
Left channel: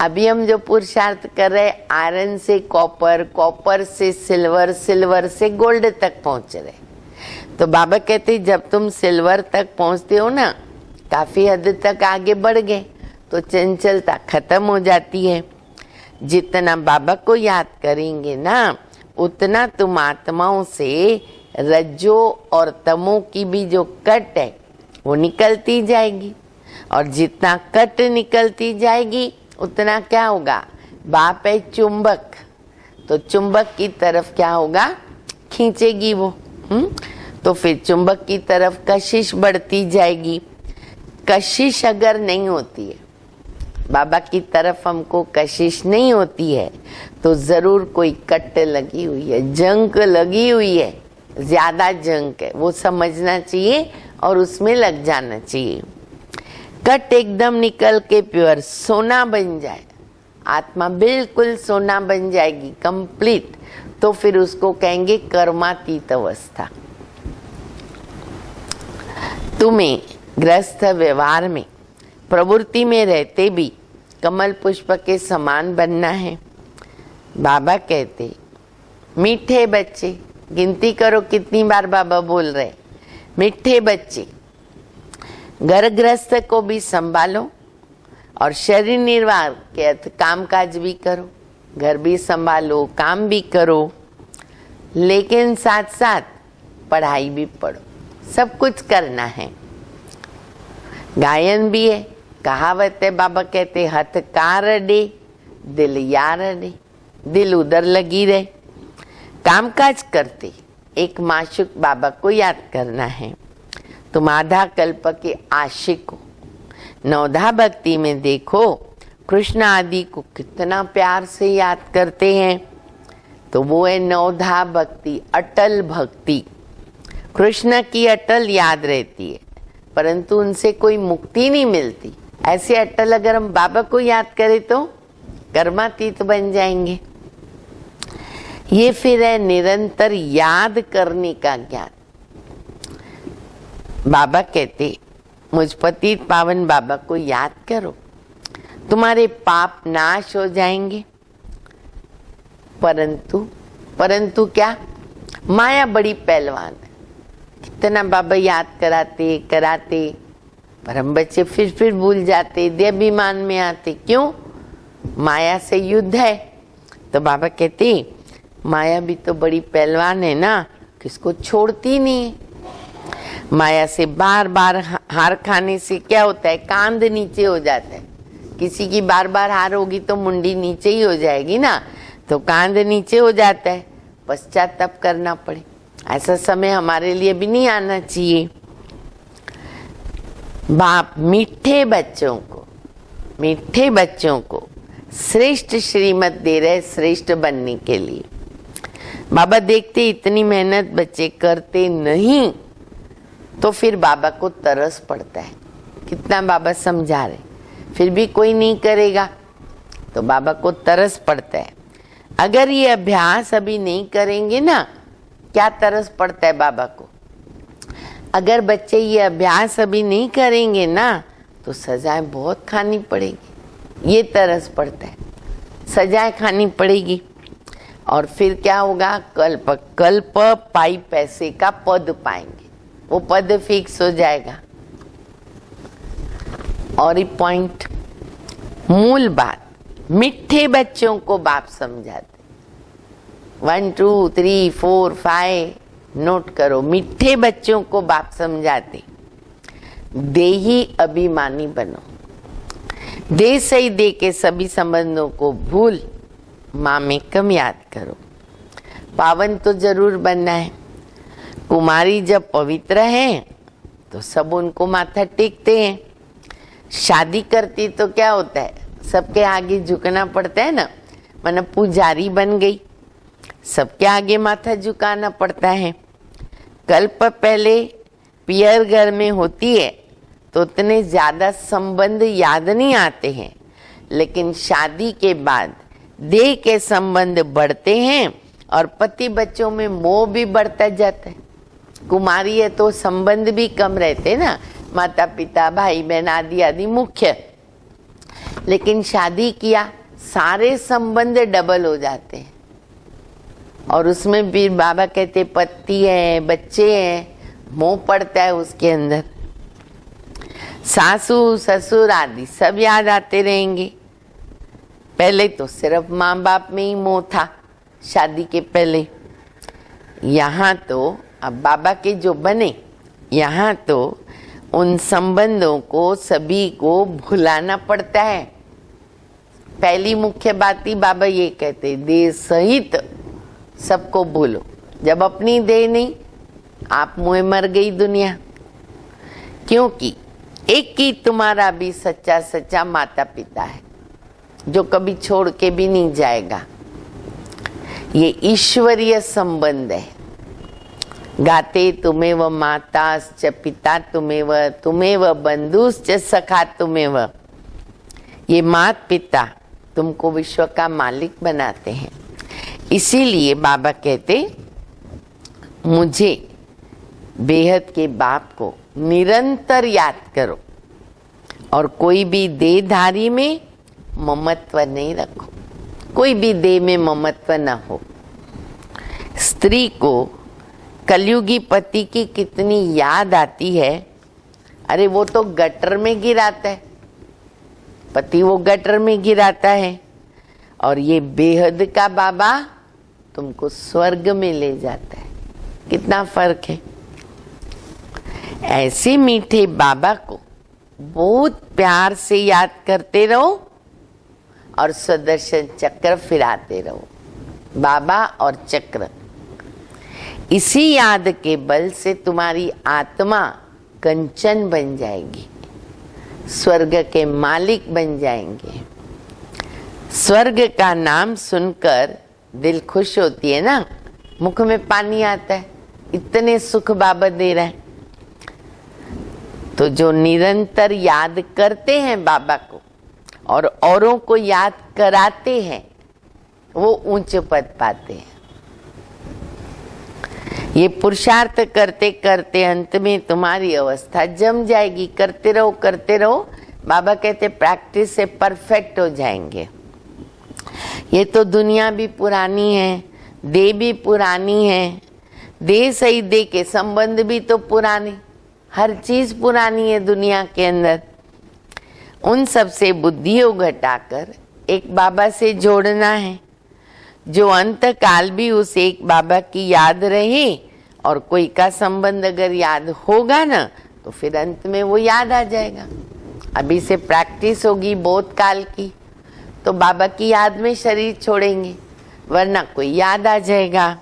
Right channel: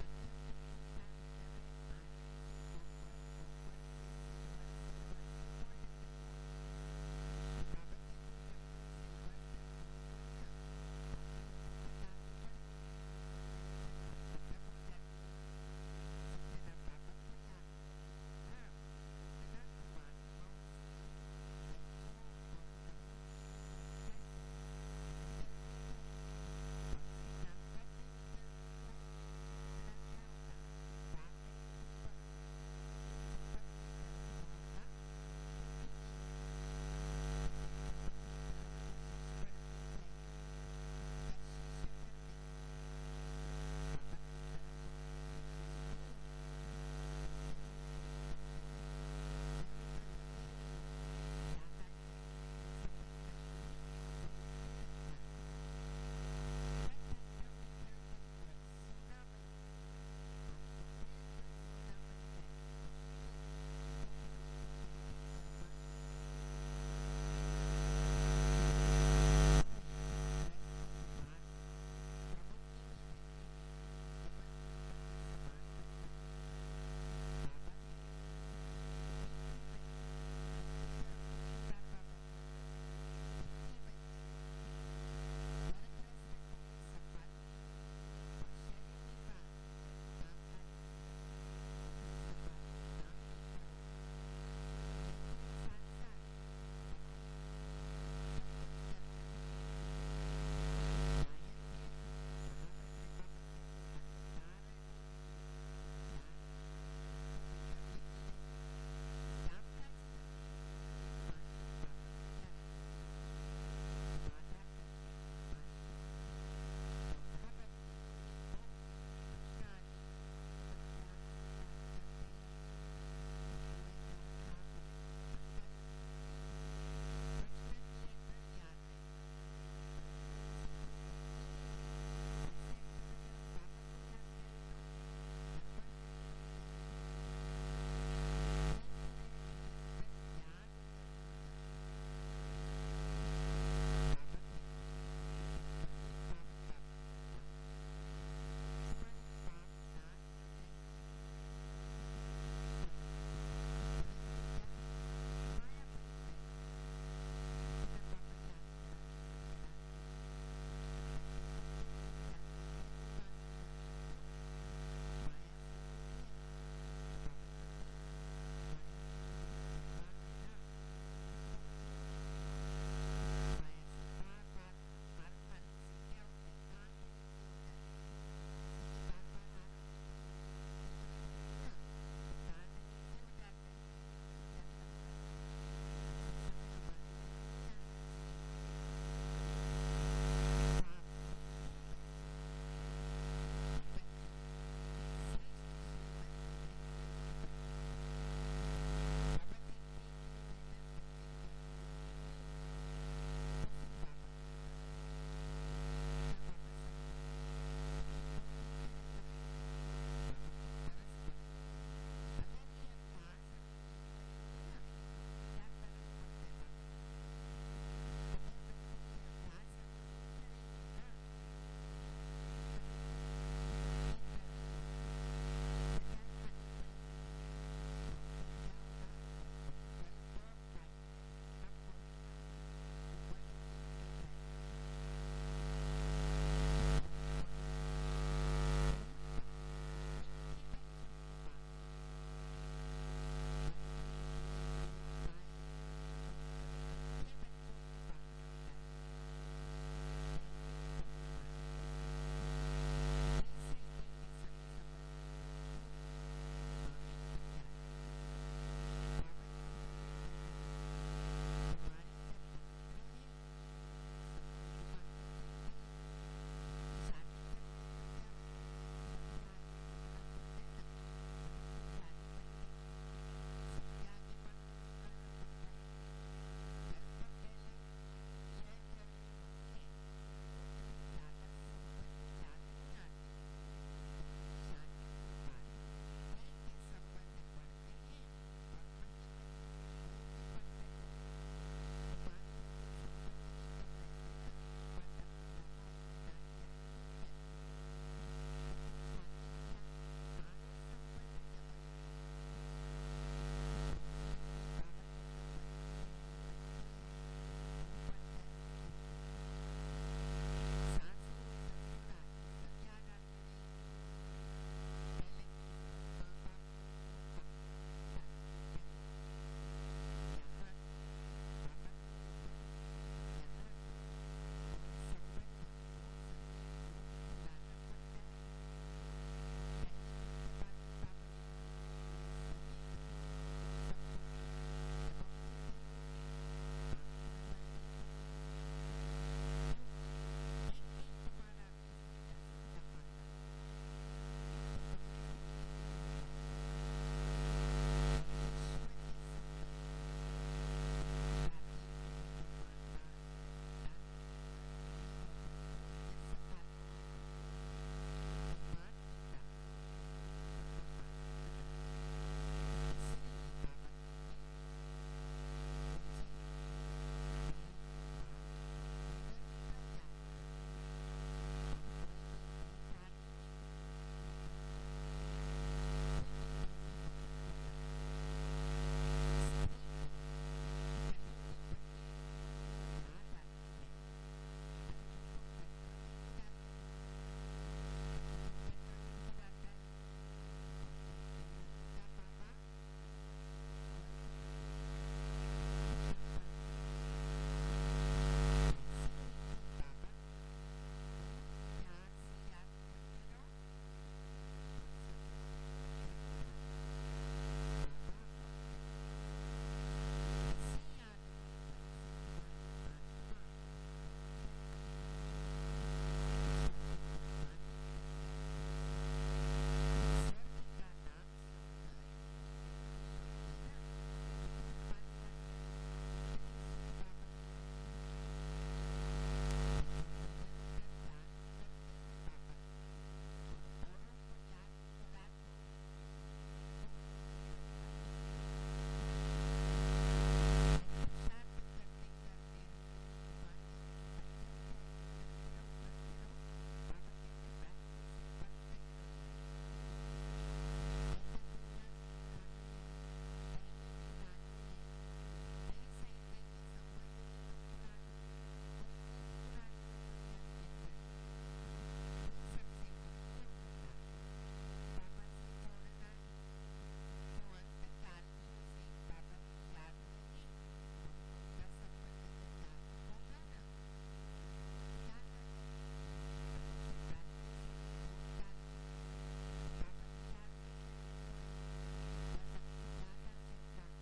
अभी हम जो पुरुषार्थ कर रहे, आयरन से कॉपर, कॉपर से सिल्वर, सिल्वर से गोल्ड तक पहुंच रहे। तो बाबा कहते जब तुम सिल्वर तक पहुंचते हो ना, काफी हद तक आगे बढ़ गए, तो चंचलता खत्म हो जाती है। जितना बाबा को याद करेंगे ना, उतना तुम आत्माओं से रज्जो और तमो की भी जो कट है वो निकलती जाएगी। और जितना कट निकलती जाएगी उतना क्या होगा? बाप है चुंबक, तो चुंबक की तरफ क्या होगा? खींचेगी वो। तो फिर चुंबक की तरफ कशिश बढ़ती जाएगी। कशिश अगर नहीं होती है, बाबा की तरफ हमको कशिश नहीं होती है, तो जरूर कोई कट लगी हुई है, जंक लगी हुई है, ज्यादा जंक है, वो समझना चाहिए और उसमें लग जाना चाहिए। कट एकदम निकल के प्योर सोना बन जाए, आत्मा बिल्कुल सोना बन जाएगी, कंप्लीट, तो फिर उसको कहेंगे कर्मातीत अवस्था। तुम्हें गृहस्थ व्यवहार में, प्रवृत्ति में रहते भी कमल पुष्प के समान बनना है। बाबा कहते मीठे बच्चे, गिनती करो कितनी बार बाबा बोल रहे, मीठे बच्चे, घर गृहस्थ को भी संभालो और शरीर निर्वाह के अर्थ काम काज भी करो, घर भी संभालो, काम भी करो, लेकिन साथ साथ पढ़ाई भी पढ़ो, सब कुछ करना है। गायन भी है, कहावत है, बाबा कहते हथ कार अडे दिल यार अडे, दिल उधर लगी रहे। कामकाज करते एक माशूक बाबा को याद करना है। तुम आधा कल्प के आशिक हो। नवधा भक्ति में देखो, कृष्ण आदि को कितना प्यार से याद करते हैं, तो वो है नवधा भक्ति, अटल भक्ति। कृष्ण की अटल याद रहती है, परंतु उनसे कोई मुक्ति नहीं मिलती। ऐसे अटल अगर हम बाबा को याद करें तो कर्मातीत बन जाएंगे। ये फिर है निरंतर याद करने का ज्ञान। बाबा कहते मुझ पतित पावन बाबा को याद करो, तुम्हारे पाप नाश हो जाएंगे। परंतु क्या, माया बड़ी पहलवान है। कितना बाबा याद कराते पर हम बच्चे फिर भूल जाते, देहाभिमान में आते। क्यों? माया से युद्ध है। तो बाबा कहते माया भी तो बड़ी पहलवान है ना, किसको छोड़ती नहीं है। माया से बार बार हार खाने से क्या होता है, कांध नीचे हो जाता है। किसी की बार बार हार होगी तो मुंडी नीचे ही हो जाएगी ना, तो कांध नीचे हो जाता है, पश्चाताप करना पड़े। ऐसा समय हमारे लिए भी नहीं आना चाहिए। बाप मीठे बच्चों को श्रेष्ठ श्रीमत दे रहे, श्रेष्ठ बनने के लिए। बाबा देखते इतनी मेहनत बच्चे करते नहीं, तो फिर बाबा को तरस पड़ता है। कितना बाबा समझा रहे, फिर भी कोई नहीं करेगा, तो बाबा को तरस पड़ता है। अगर ये अभ्यास अभी नहीं करेंगे ना, क्या तरस पड़ता है बाबा को। अगर बच्चे ये अभ्यास अभी नहीं करेंगे ना, तो सजाएं बहुत खानी पड़ेगी। ये तरस पड़ता है, सजाएं खानी पड़ेगी। और फिर क्या होगा, कल्प पाई पैसे का पद पाएंगे, वो पद फिक्स हो जाएगा। और ये पॉइंट, मूल बात, मीठे बच्चों को बाप समझाते। 1 2 3 4 5 नोट करो। मीठे बच्चों को बाप समझाते, देही अभिमानी बनो। दे सही दे के सभी संबंधों को भूल, माँ में कम याद करो। पावन तो जरूर बनना है। कुमारी जब पवित्र है तो सब उनको माथा टेकते हैं। शादी करती तो क्या होता है, सबके आगे झुकना पड़ता है ना। माना पुजारी बन गई, सबके आगे माथा झुकाना पड़ता है। कल्प पहले पियर घर में होती है तो उतने ज्यादा संबंध याद नहीं आते हैं, लेकिन शादी के बाद देह के संबंध बढ़ते हैं और पति बच्चों में मोह भी बढ़ता जाता है। कुमारी है तो संबंध भी कम रहते ना, माता पिता भाई बहन आदि आदि मुख्य। लेकिन शादी किया, सारे संबंध डबल हो जाते हैं। और उसमें भी बाबा कहते पति है, बच्चे हैं, मोह पड़ता है उसके अंदर। सासू ससुर आदि सब याद आते रहेंगे। पहले तो सिर्फ माँ बाप में ही मोह था शादी के पहले। यहाँ तो अब बाबा के जो बने, यहाँ तो उन संबंधों को सभी को भुलाना पड़ता है। पहली मुख्य बात ही बाबा ये कहते, देह सहित सबको भूलो। जब अपनी देह नहीं, आप मुँह मर गई दुनिया। क्योंकि एक ही तुम्हारा भी सच्चा सच्चा माता पिता है, जो कभी छोड़ के भी नहीं जाएगा। ये ईश्वरीय संबंध है। गाते तुम्हेव माताश्च पिता तुम्हेव बंधुश्च सखा तुम्हेव। ये माता पिता तुमको विश्व का मालिक बनाते हैं। इसीलिए बाबा कहते, मुझे बेहद के बाप को निरंतर याद करो और कोई भी देहधारी में ममत्व नहीं रखो। कोई भी देह में ममत्व न हो। स्त्री को कलयुगी पति की कितनी याद आती है। अरे वो तो गटर में गिराता है, पति वो गटर में गिराता है, और ये बेहद का बाबा तुमको स्वर्ग में ले जाता है। कितना फर्क है। ऐसे मीठे बाबा को बहुत प्यार से याद करते रहो और सुदर्शन चक्र फिराते रहो। बाबा और चक्र, इसी याद के बल से तुम्हारी आत्मा कंचन बन जाएगी, स्वर्ग के मालिक बन जाएंगे। स्वर्ग का नाम सुनकर दिल खुश होती है ना, मुख में पानी आता है, इतने सुख बाबा दे रहे हैं। तो जो निरंतर याद करते हैं बाबा को और औरों को याद कराते हैं, वो ऊंच पद पाते हैं। ये पुरुषार्थ करते करते अंत में तुम्हारी अवस्था जम जाएगी। करते रहो करते रहो। बाबा कहते प्रैक्टिस से परफेक्ट हो जाएंगे। ये तो दुनिया भी पुरानी है, देह भी पुरानी है, देह सही देह के संबंध भी तो पुराने, हर चीज पुरानी है दुनिया के अंदर। उन सब से बुद्धियों घटाकर एक बाबा से जोड़ना है, जो अंत काल भी उस एक बाबा की याद रहे। और कोई का संबंध अगर याद होगा ना तो फिर अंत में वो याद आ जाएगा। अभी से प्रैक्टिस होगी बोध काल की, तो बाबा की याद में शरीर छोड़ेंगे, वरना कोई याद आ जाएगा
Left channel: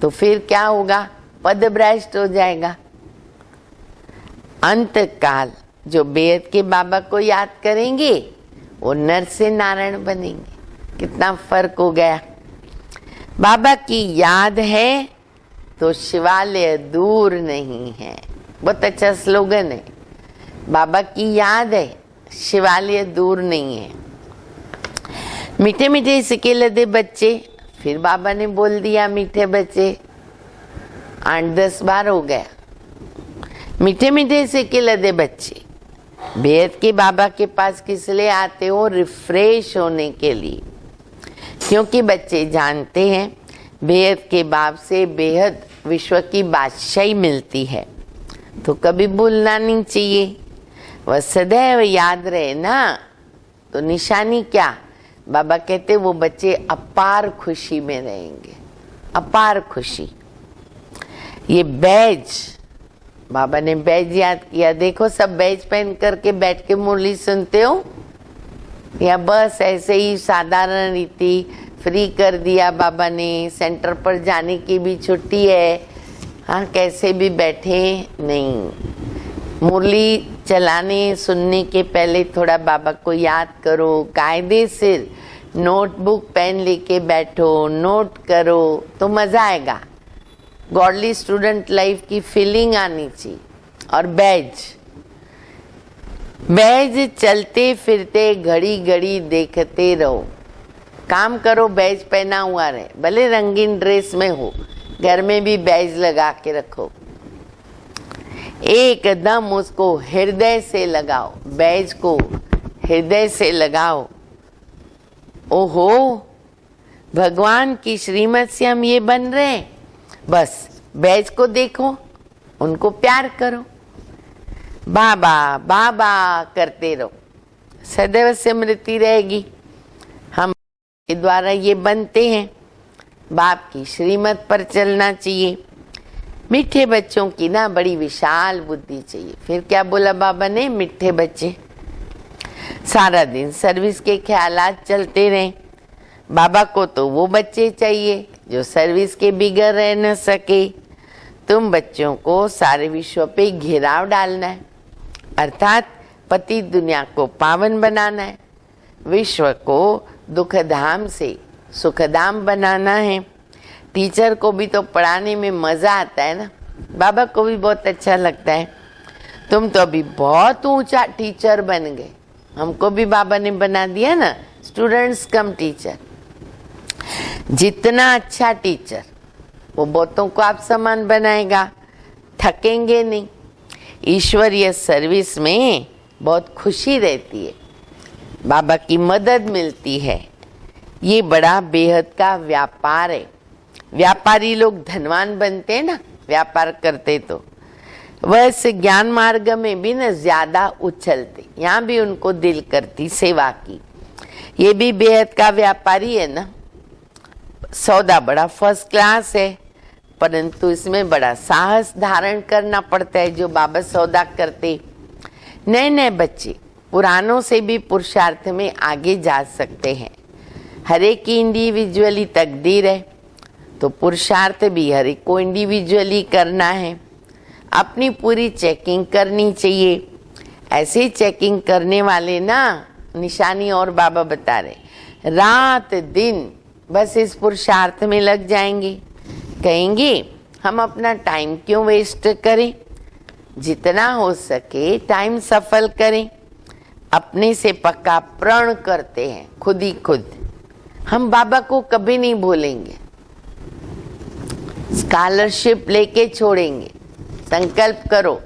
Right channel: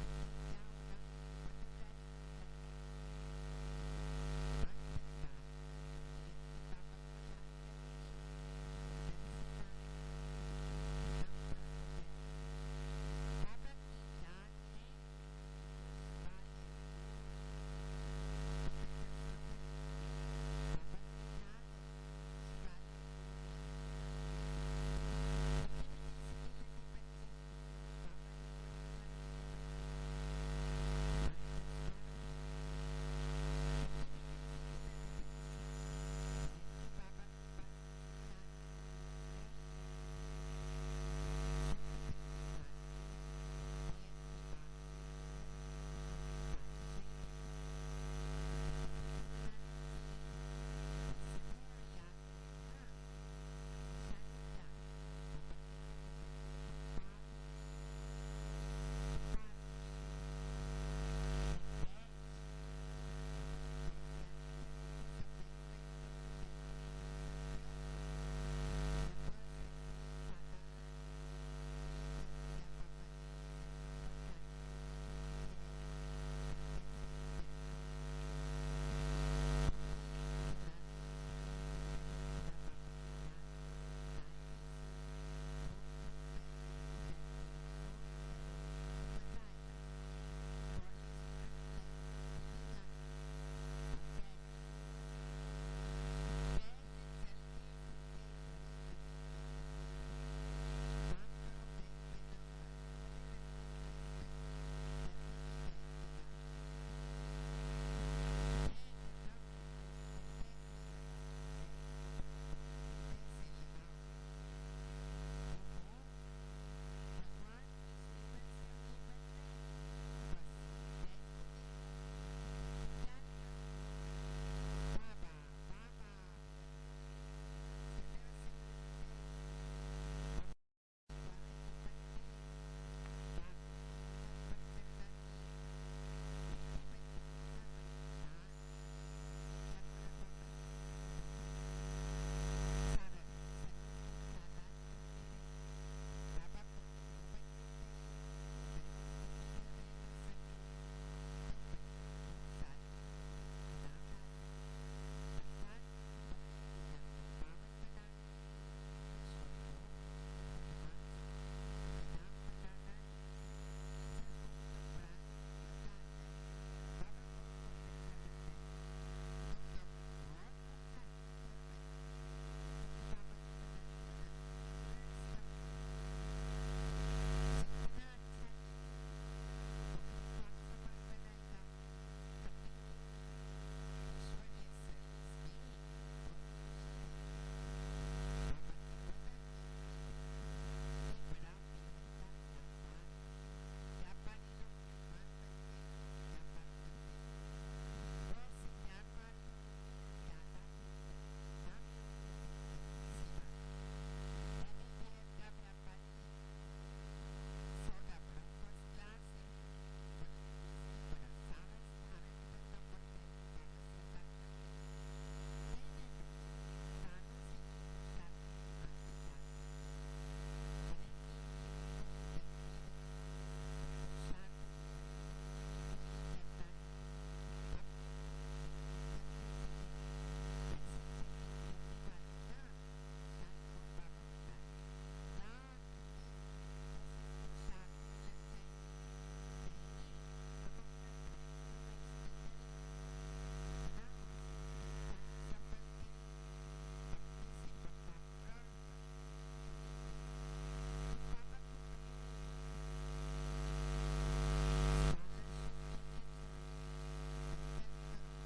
तो फिर क्या होगा, पद भ्रष्ट हो जाएगा। अंत काल जो बेहद के बाबा को याद करेंगे वो नर से नारायण बनेंगे। कितना फर्क हो गया। बाबा की याद है तो शिवालय दूर नहीं है। बहुत अच्छा स्लोगन है। बाबा की याद है, शिवालय दूर नहीं है। मीठे मीठे सिक्के लदे बच्चे, फिर बाबा ने बोल दिया मीठे बच्चे, 8-10 बार हो गया। मीठे मीठे सिक्के लदे बच्चे बेहद के बाबा के पास किस लिए आते हो? रिफ्रेश होने के लिए। क्योंकि बच्चे जानते हैं बेहद के बाप से बेहद विश्व की बादशाही मिलती है, तो कभी भूलना नहीं चाहिए। वह सदैव याद रहे ना, तो निशानी क्या? बाबा कहते वो बच्चे अपार खुशी में रहेंगे, अपार खुशी। ये बैज, बाबा ने बैज याद किया। देखो सब बैज पहन करके बैठ के मुरली सुनते हो, या बस ऐसे ही साधारण रीति फ्री कर दिया बाबा ने, सेंटर पर जाने की भी छुट्टी है, हाँ कैसे भी बैठे नहीं। मुरली चलाने सुनने के पहले थोड़ा बाबा को याद करो, कायदे से नोटबुक पेन लेके बैठो, नोट करो तो मजा आएगा। गॉडली स्टूडेंट लाइफ की फीलिंग आनी चाहिए। और बैज चलते फिरते घड़ी घड़ी देखते रहो। काम करो, बैज पहना हुआ रहे, भले रंगीन ड्रेस में हो, घर में भी बैज लगा के रखो। एकदम उसको हृदय से लगाओ, बैज को हृदय से लगाओ। ओहो, भगवान की श्रीमत से हम ये बन रहे हैं। बस बैज को देखो, उनको प्यार करो, बाबा बाबा करते रहो, सदैव स्मृति रहेगी। हम के द्वारा ये बनते हैं, बाप की श्रीमत पर चलना चाहिए। मीठे बच्चों की ना बड़ी विशाल बुद्धि चाहिए। फिर क्या बोला बाबा ने? मीठे बच्चे सारा दिन सर्विस के ख्यालात चलते रहे। बाबा को तो वो बच्चे चाहिए जो सर्विस के बिगड़ रह न सके। तुम बच्चों को सारे विश्व पे घेराव डालना है, अर्थात पति दुनिया को पावन बनाना है, विश्व को दुखधाम से सुखधाम बनाना है। टीचर को भी तो पढ़ाने में मजा आता है ना, बाबा को भी बहुत अच्छा लगता है। तुम तो अभी बहुत ऊंचा टीचर बन गए, हमको भी बाबा ने बना दिया ना स्टूडेंट्स कम टीचर। जितना अच्छा टीचर वो बहुतों को आप समान बनाएगा, थकेंगे नहीं। ईश्वरीय सर्विस में बहुत खुशी रहती है, बाबा की मदद मिलती है। ये बड़ा बेहद का व्यापार है। व्यापारी लोग धनवान बनते हैं ना, व्यापार करते तो वैसे ज्ञान मार्ग में भी न ज्यादा उछलते। यहाँ भी उनको दिल करती सेवा की। ये भी बेहद का व्यापारी है ना। सौदा बड़ा फर्स्ट क्लास है, परंतु इसमें बड़ा साहस धारण करना पड़ता है जो बाबा सौदा करते। नए नए बच्चे पुरानों से भी पुरुषार्थ में आगे जा सकते हैं। हर एक की इंडिविजुअली तकदीर है, तो पुरुषार्थ भी हर एक को इंडिविजुअली करना है। अपनी पूरी चेकिंग करनी चाहिए। ऐसे चेकिंग करने वाले ना, निशानी और बाबा बता रहे, रात दिन बस इस पुरुषार्थ में लग जाएंगे। कहेंगे हम अपना टाइम क्यों वेस्ट करें, जितना हो सके टाइम सफल करें। अपने से पक्का प्रण करते हैं खुद ही खुद, हम बाबा को कभी नहीं भूलेंगे। स्कॉलरशिप लेके छोड़ेंगे, संकल्प करो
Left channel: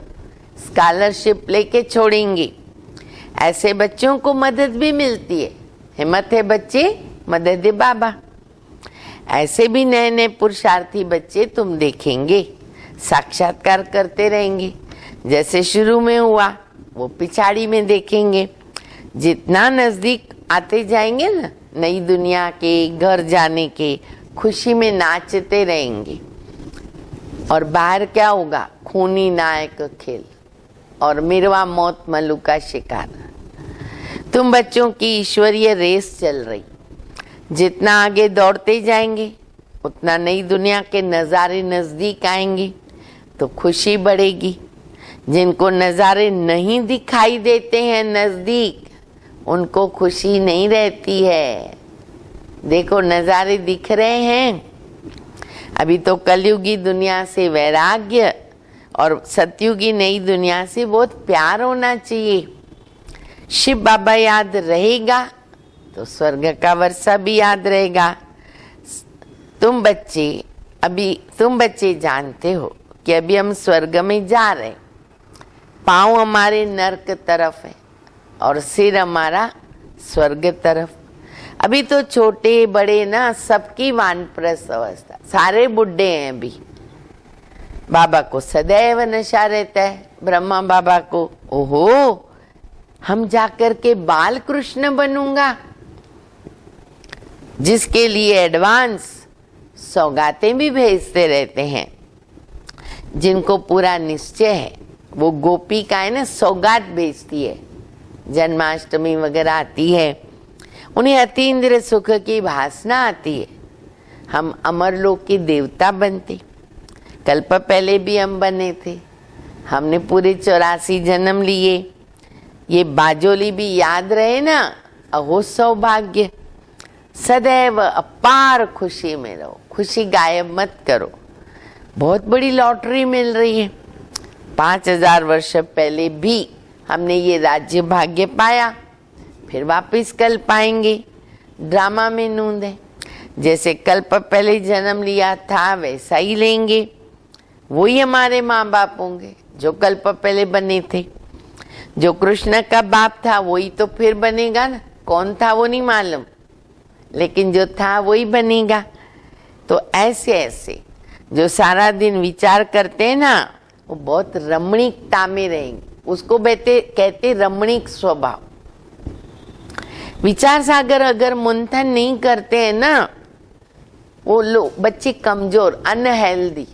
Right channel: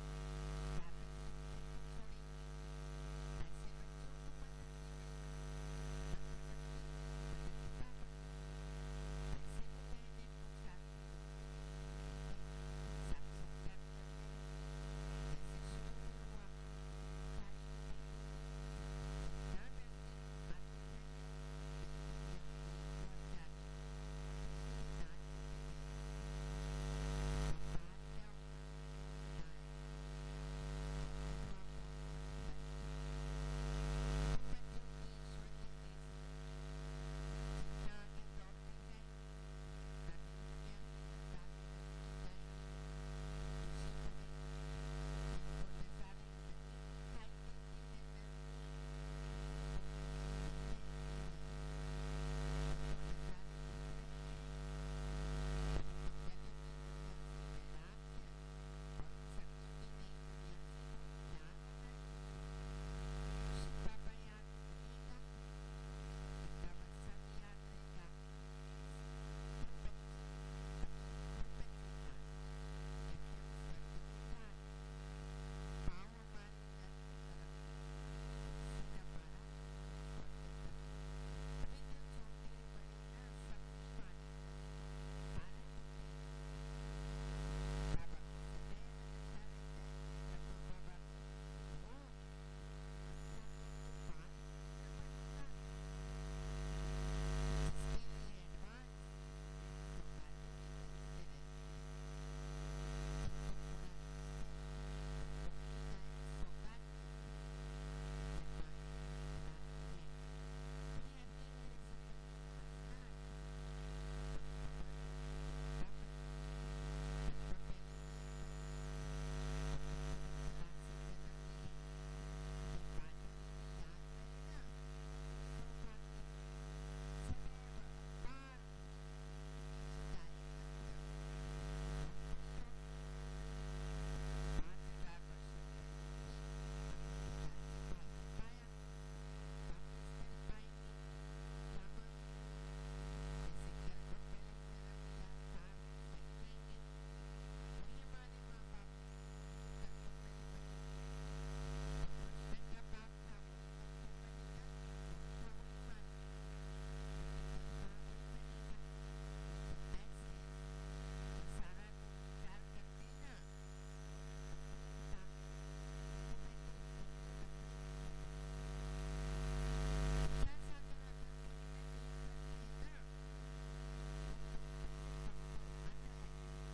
स्कॉलरशिप लेके छोड़ेंगे। ऐसे बच्चों को मदद भी मिलती है। हिम्मत है बच्चे, मदद है बाबा। ऐसे भी नए नए पुरुषार्थी बच्चे तुम देखेंगे, साक्षात्कार करते रहेंगे। जैसे शुरू में हुआ वो पिछाड़ी में देखेंगे। जितना नजदीक आते जाएंगे ना नई दुनिया के, घर जाने के, खुशी में नाचते रहेंगे। और बाहर क्या होगा? खूनी नायक खेल और मिरवा मौत मल्लू का शिकार। तुम बच्चों की ईश्वरीय रेस चल रही। जितना आगे दौड़ते जाएंगे उतना नई दुनिया के नज़ारे नज़दीक आएंगे तो खुशी बढ़ेगी। जिनको नज़ारे नहीं दिखाई देते हैं नज़दीक, उनको खुशी नहीं रहती है। देखो नज़ारे दिख रहे हैं। अभी तो कलयुगी दुनिया से वैराग्य और सतयुगी नई दुनिया से बहुत प्यार होना चाहिए। शिव बाबा याद रहेगा तो स्वर्ग का वर्षा भी याद रहेगा। तुम बच्चे जानते हो कि अभी हम स्वर्ग में जा रहे। पाँव हमारे नरक तरफ है और सिर हमारा स्वर्ग तरफ। अभी तो छोटे बड़े ना सबकी वानप्रस्थ अवस्था, सारे बुढ़े हैं अभी। बाबा को सदैव नशा रहता है। ब्रह्मा बाबा को ओहो हम जाकर के बाल कृष्ण बनूंगा, जिसके लिए एडवांस सौगातें भी भेजते रहते हैं। जिनको पूरा निश्चय है वो गोपिकाएं ना सौगात भेजती है। जन्माष्टमी वगैरह आती है, उन्हें अतीन्द्र सुख की भासना आती है। हम अमरलोक के देवता बनते। कल्प पहले भी हम बने थे। हमने पूरे 84 जन्म लिए। ये बाजोली भी याद रहे ना, अहो सौभाग्य। सदैव अपार खुशी में रहो, खुशी गायब मत करो। बहुत बड़ी लॉटरी मिल रही है। 5000 वर्ष पहले भी हमने ये राज्य भाग्य पाया, फिर वापस कल पाएंगे। ड्रामा में नूंद है। जैसे कल्प पहले जन्म लिया था वैसा ही लेंगे। वही हमारे माँ बाप होंगे जो कल्प पहले बने थे। जो कृष्ण का बाप था वही तो फिर बनेगा ना। कौन था वो नहीं मालूम, लेकिन जो था वही बनेगा। तो ऐसे ऐसे जो सारा दिन विचार करते हैं ना, वो बहुत रमणीकता में रहेंगे। उसको कहते रमणीक स्वभाव। विचार सागर अगर मंथन नहीं करते हैं ना, वो लोग बच्चे कमजोर, अनहेल्दी।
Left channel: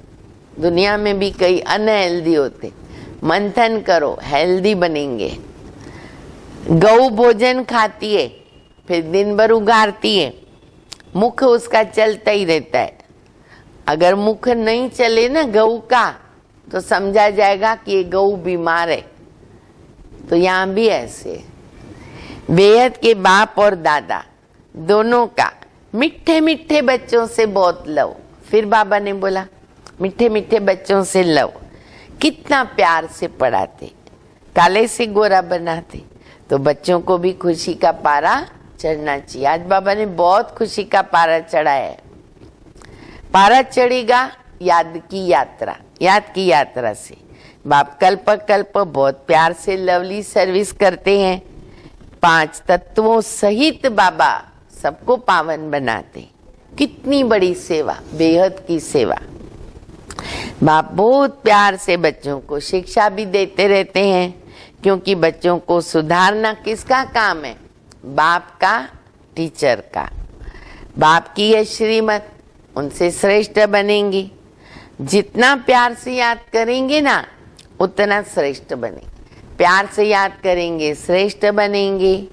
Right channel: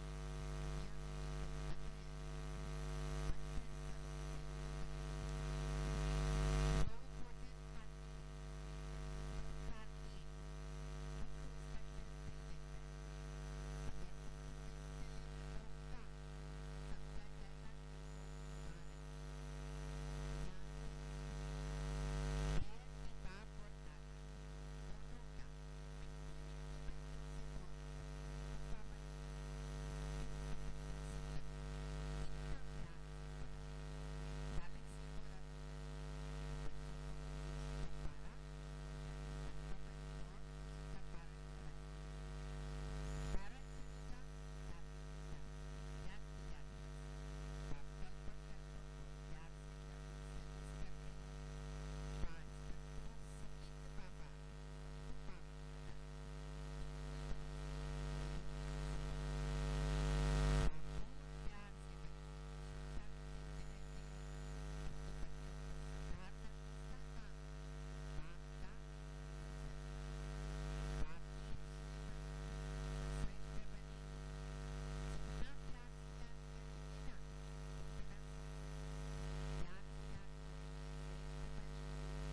दुनिया में भी कई अनहेल्दी होते। मंथन करो, हेल्दी बनेंगे। गौ भोजन खाती है, फिर दिन भर उगारती है, मुख उसका चलता ही रहता है। अगर मुख नहीं चले ना गऊ का, तो समझा जाएगा कि ये गऊ बीमार है। तो यहाँ भी ऐसे बेहद के बाप और दादा दोनों का मीठे मीठे बच्चों से बहुत लव। फिर बाबा ने बोला मीठे मीठे बच्चों से लव। कितना प्यार से पढ़ाते, काले से गोरा बनाते। तो बच्चों को भी खुशी का पारा चढ़ना चाहिए। आज बाबा ने बहुत खुशी का पारा चढ़ाया है। पारा चढ़ेगा याद की यात्रा से। बाप कल्प कल्प बहुत प्यार से लवली सर्विस करते हैं। 5 तत्वों सहित बाबा सबको पावन बनाते। कितनी बड़ी सेवा, बेहद की सेवा। बाप बहुत प्यार से बच्चों को शिक्षा भी देते रहते हैं, क्योंकि बच्चों को सुधारना किसका काम है? बाप का, टीचर का। बाप की है श्रीमत, उनसे श्रेष्ठ बनेंगे। जितना प्यार से याद करेंगे ना, उतना श्रेष्ठ बनेंगे। प्यार से याद करेंगे, श्रेष्ठ बनेंगे,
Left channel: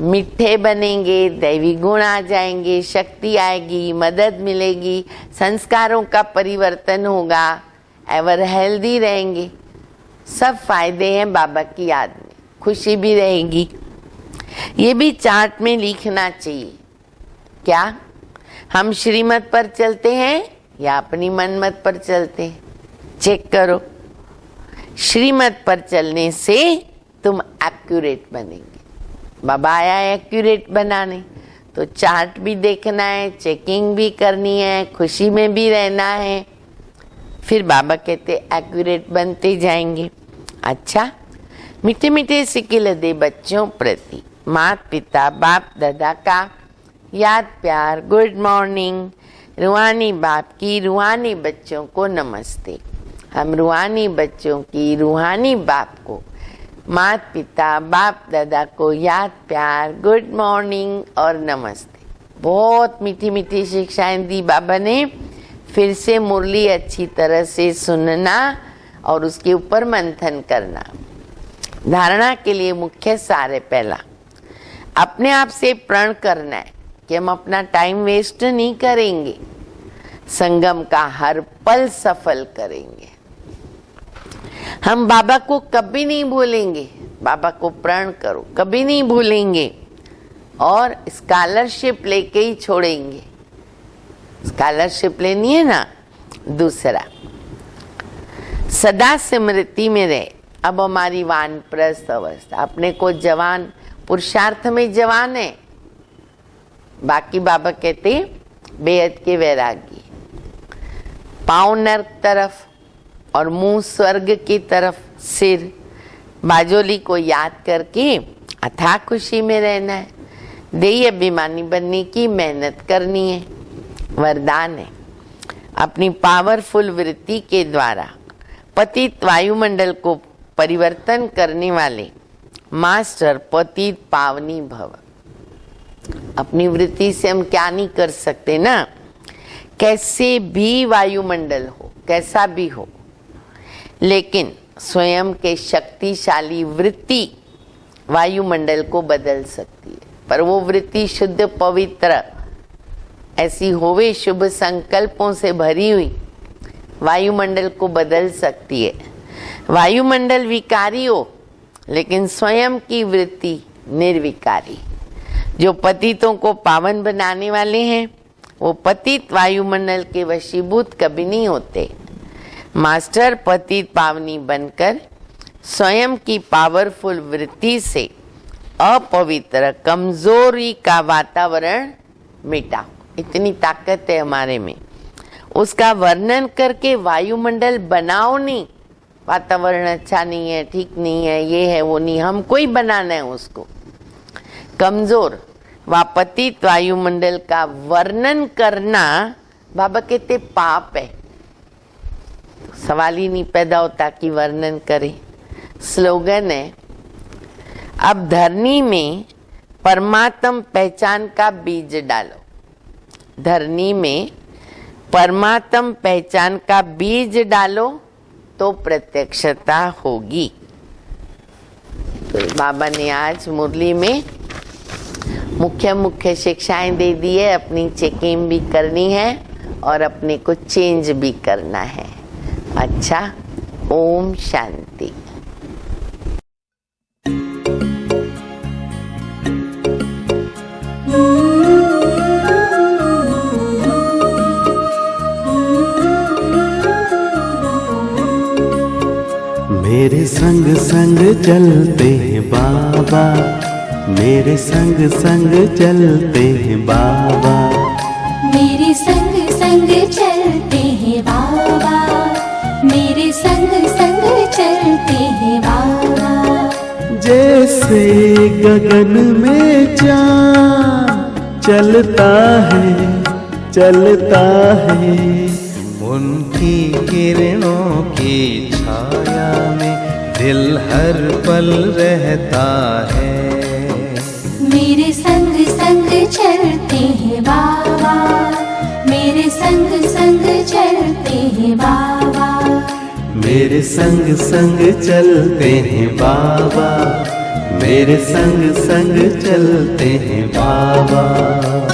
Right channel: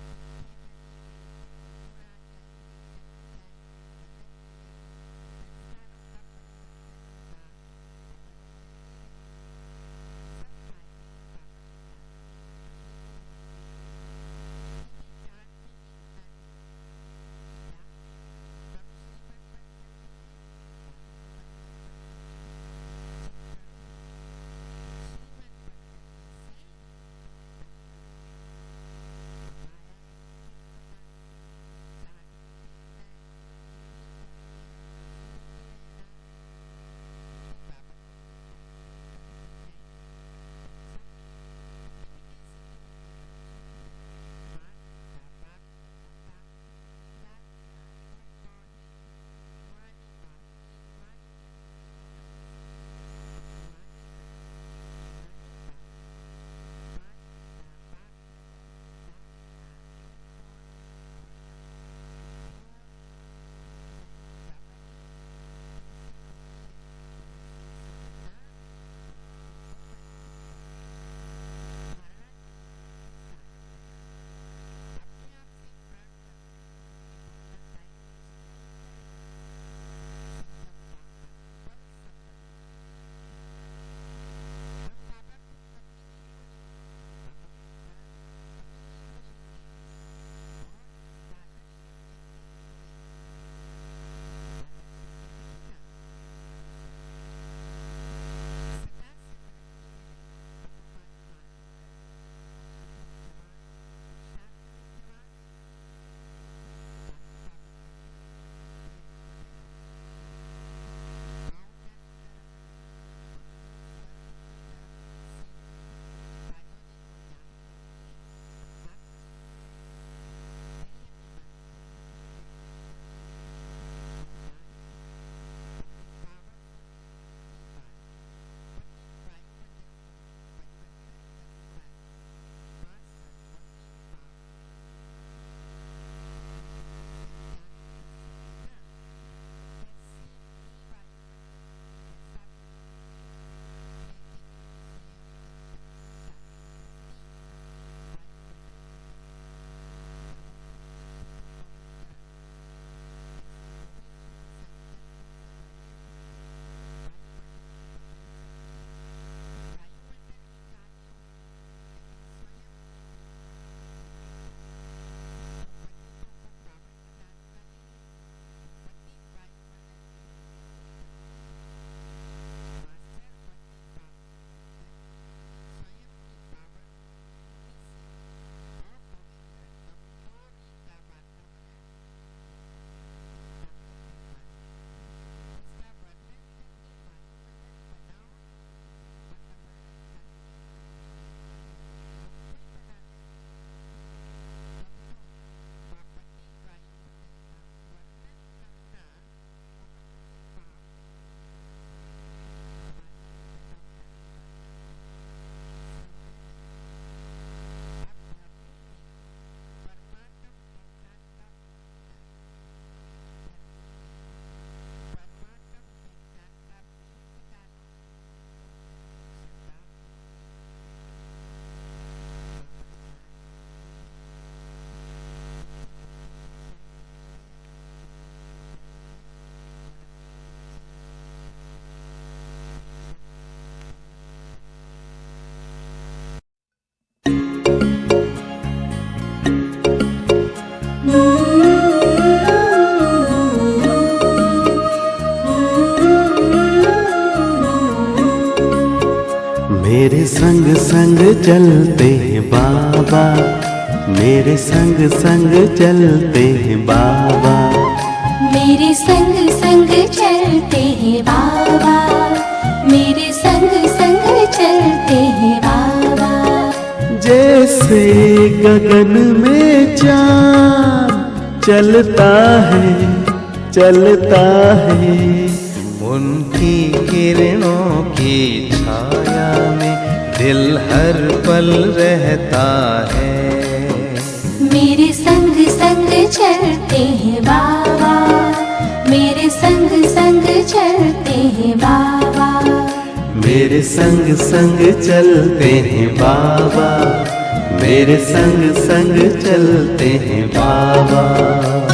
मीठे बनेंगे, दैवी गुण आ जाएंगे, शक्ति आएगी, मदद मिलेगी, संस्कारों का परिवर्तन होगा, एवर हेल्दी रहेंगे। सब फायदे हैं बाबा की याद में। खुशी भी रहेगी। ये भी चार्ट में लिखना चाहिए। क्या हम श्रीमत पर चलते हैं या अपनी मनमत पर चलते हैं? चेक करो। श्रीमत पर चलने से तुम एक्यूरेट बनेंगे। बाबा आया है एक्यूरेट बनाने, तो चार्ट भी देखना है, चेकिंग भी करनी है, खुशी में भी रहना है। फिर बाबा कहते एक्यूरेट बनते जाएंगे। अच्छा, मीठे मीठे सिकिल दे बच्चों प्रति माता पिता बाप दादा का याद प्यार, गुड मॉर्निंग। रूहानी बाप की रूहानी बच्चों को नमस्ते। हम रूहानी बच्चों की रूहानी बाप को, माता पिता बाप दादा को याद प्यार, गुड मॉर्निंग और नमस्ते। बहुत मीठी मीठी शिक्षाएं दी बाबा ने। फिर से मुरली अच्छी तरह से सुनना और उसके ऊपर मंथन करना। धारणा के लिए मुख्य सार है पहला, अपने आप से प्रण करना है कि हम अपना टाइम वेस्ट नहीं करेंगे, संगम का हर पल सफल करेंगे। हम बाबा को कभी नहीं भूलेंगे, बाबा को प्रण करो, कभी नहीं भूलेंगे और स्कॉलरशिप लेके ही छोड़ेंगे। स्कॉलरशिप लेनी है ना। दूसरा, सदा स्मृति में रहे। अब हमारी वानप्रस्थ अवस्था, अपने को जवान, पुरुषार्थ में जवान है, बाकी बाबा कहते बेहद के वैरागी। पाँव नर्क तरफ और मुंह स्वर्ग की तरफ, सिर बाजोली को याद करके अथाह खुशी में रहना है। देही अभिमानी बनने की मेहनत करनी है। वरदान है, अपनी पावरफुल वृत्ति के द्वारा पतित वायुमंडल को परिवर्तन करने वाले मास्टर पतित पावनी भव। अपनी वृत्ति से हम क्या नहीं कर सकते ना, कैसे भी वायुमंडल हो, कैसा भी हो, लेकिन स्वयं के शक्तिशाली वृत्ति वायुमंडल को बदल सकती है। पर वो वृत्ति शुद्ध पवित्र ऐसी होवे, शुभ संकल्पों से भरी हुई, वायुमंडल को बदल सकती है। वायुमंडल विकारी हो लेकिन स्वयं की वृत्ति निर्विकारी। जो पतितों को पावन बनाने वाले हैं वो पतित वायुमंडल के वशीभूत कभी नहीं होते। मास्टर पतित पावनी बनकर स्वयं की पावरफुल वृत्ति से अपवित्र कमजोरी का वातावरण मिटाओ। इतनी ताकत है हमारे में, उसका वर्णन करके वायुमंडल बनाओ नहीं। वातावरण अच्छा नहीं है, ठीक नहीं है, ये है वो नहीं, हमको ही बनाना है उसको। कमजोर वापतित वायुमंडल का वर्णन करना बाबा कहते पाप है। सवाल ही नहीं पैदा होता कि वर्णन करे। स्लोगन है, अब धरनी में परमात्म पहचान का बीज डालो। धरनी में परमात्म पहचान का बीज डालो तो प्रत्यक्षता होगी। तो बाबा ने आज मुरली में मुख्य मुख्य शिक्षाएं दे दी है। अपनी चेकिंग भी करनी है और अपने को चेंज भी करना है। अच्छा, ओम शांति। मेरे संग संग चलते हैं बाबा, मेरे संग संग चलते हैं बाबा, मेरे संग संग चलते हैं बाबा, मेरे संग संग चलते हैं बाबा। जैसे गगन में चाँद चलता है, उनकी किरणों की छाया में दिल हर पल रहता है। मेरे संग संग चलते हैं बाबा, मेरे संग संग चलते हैं बाबा, मेरे संग संग चलते हैं बाबा, मेरे संग संग चलते हैं बाबा।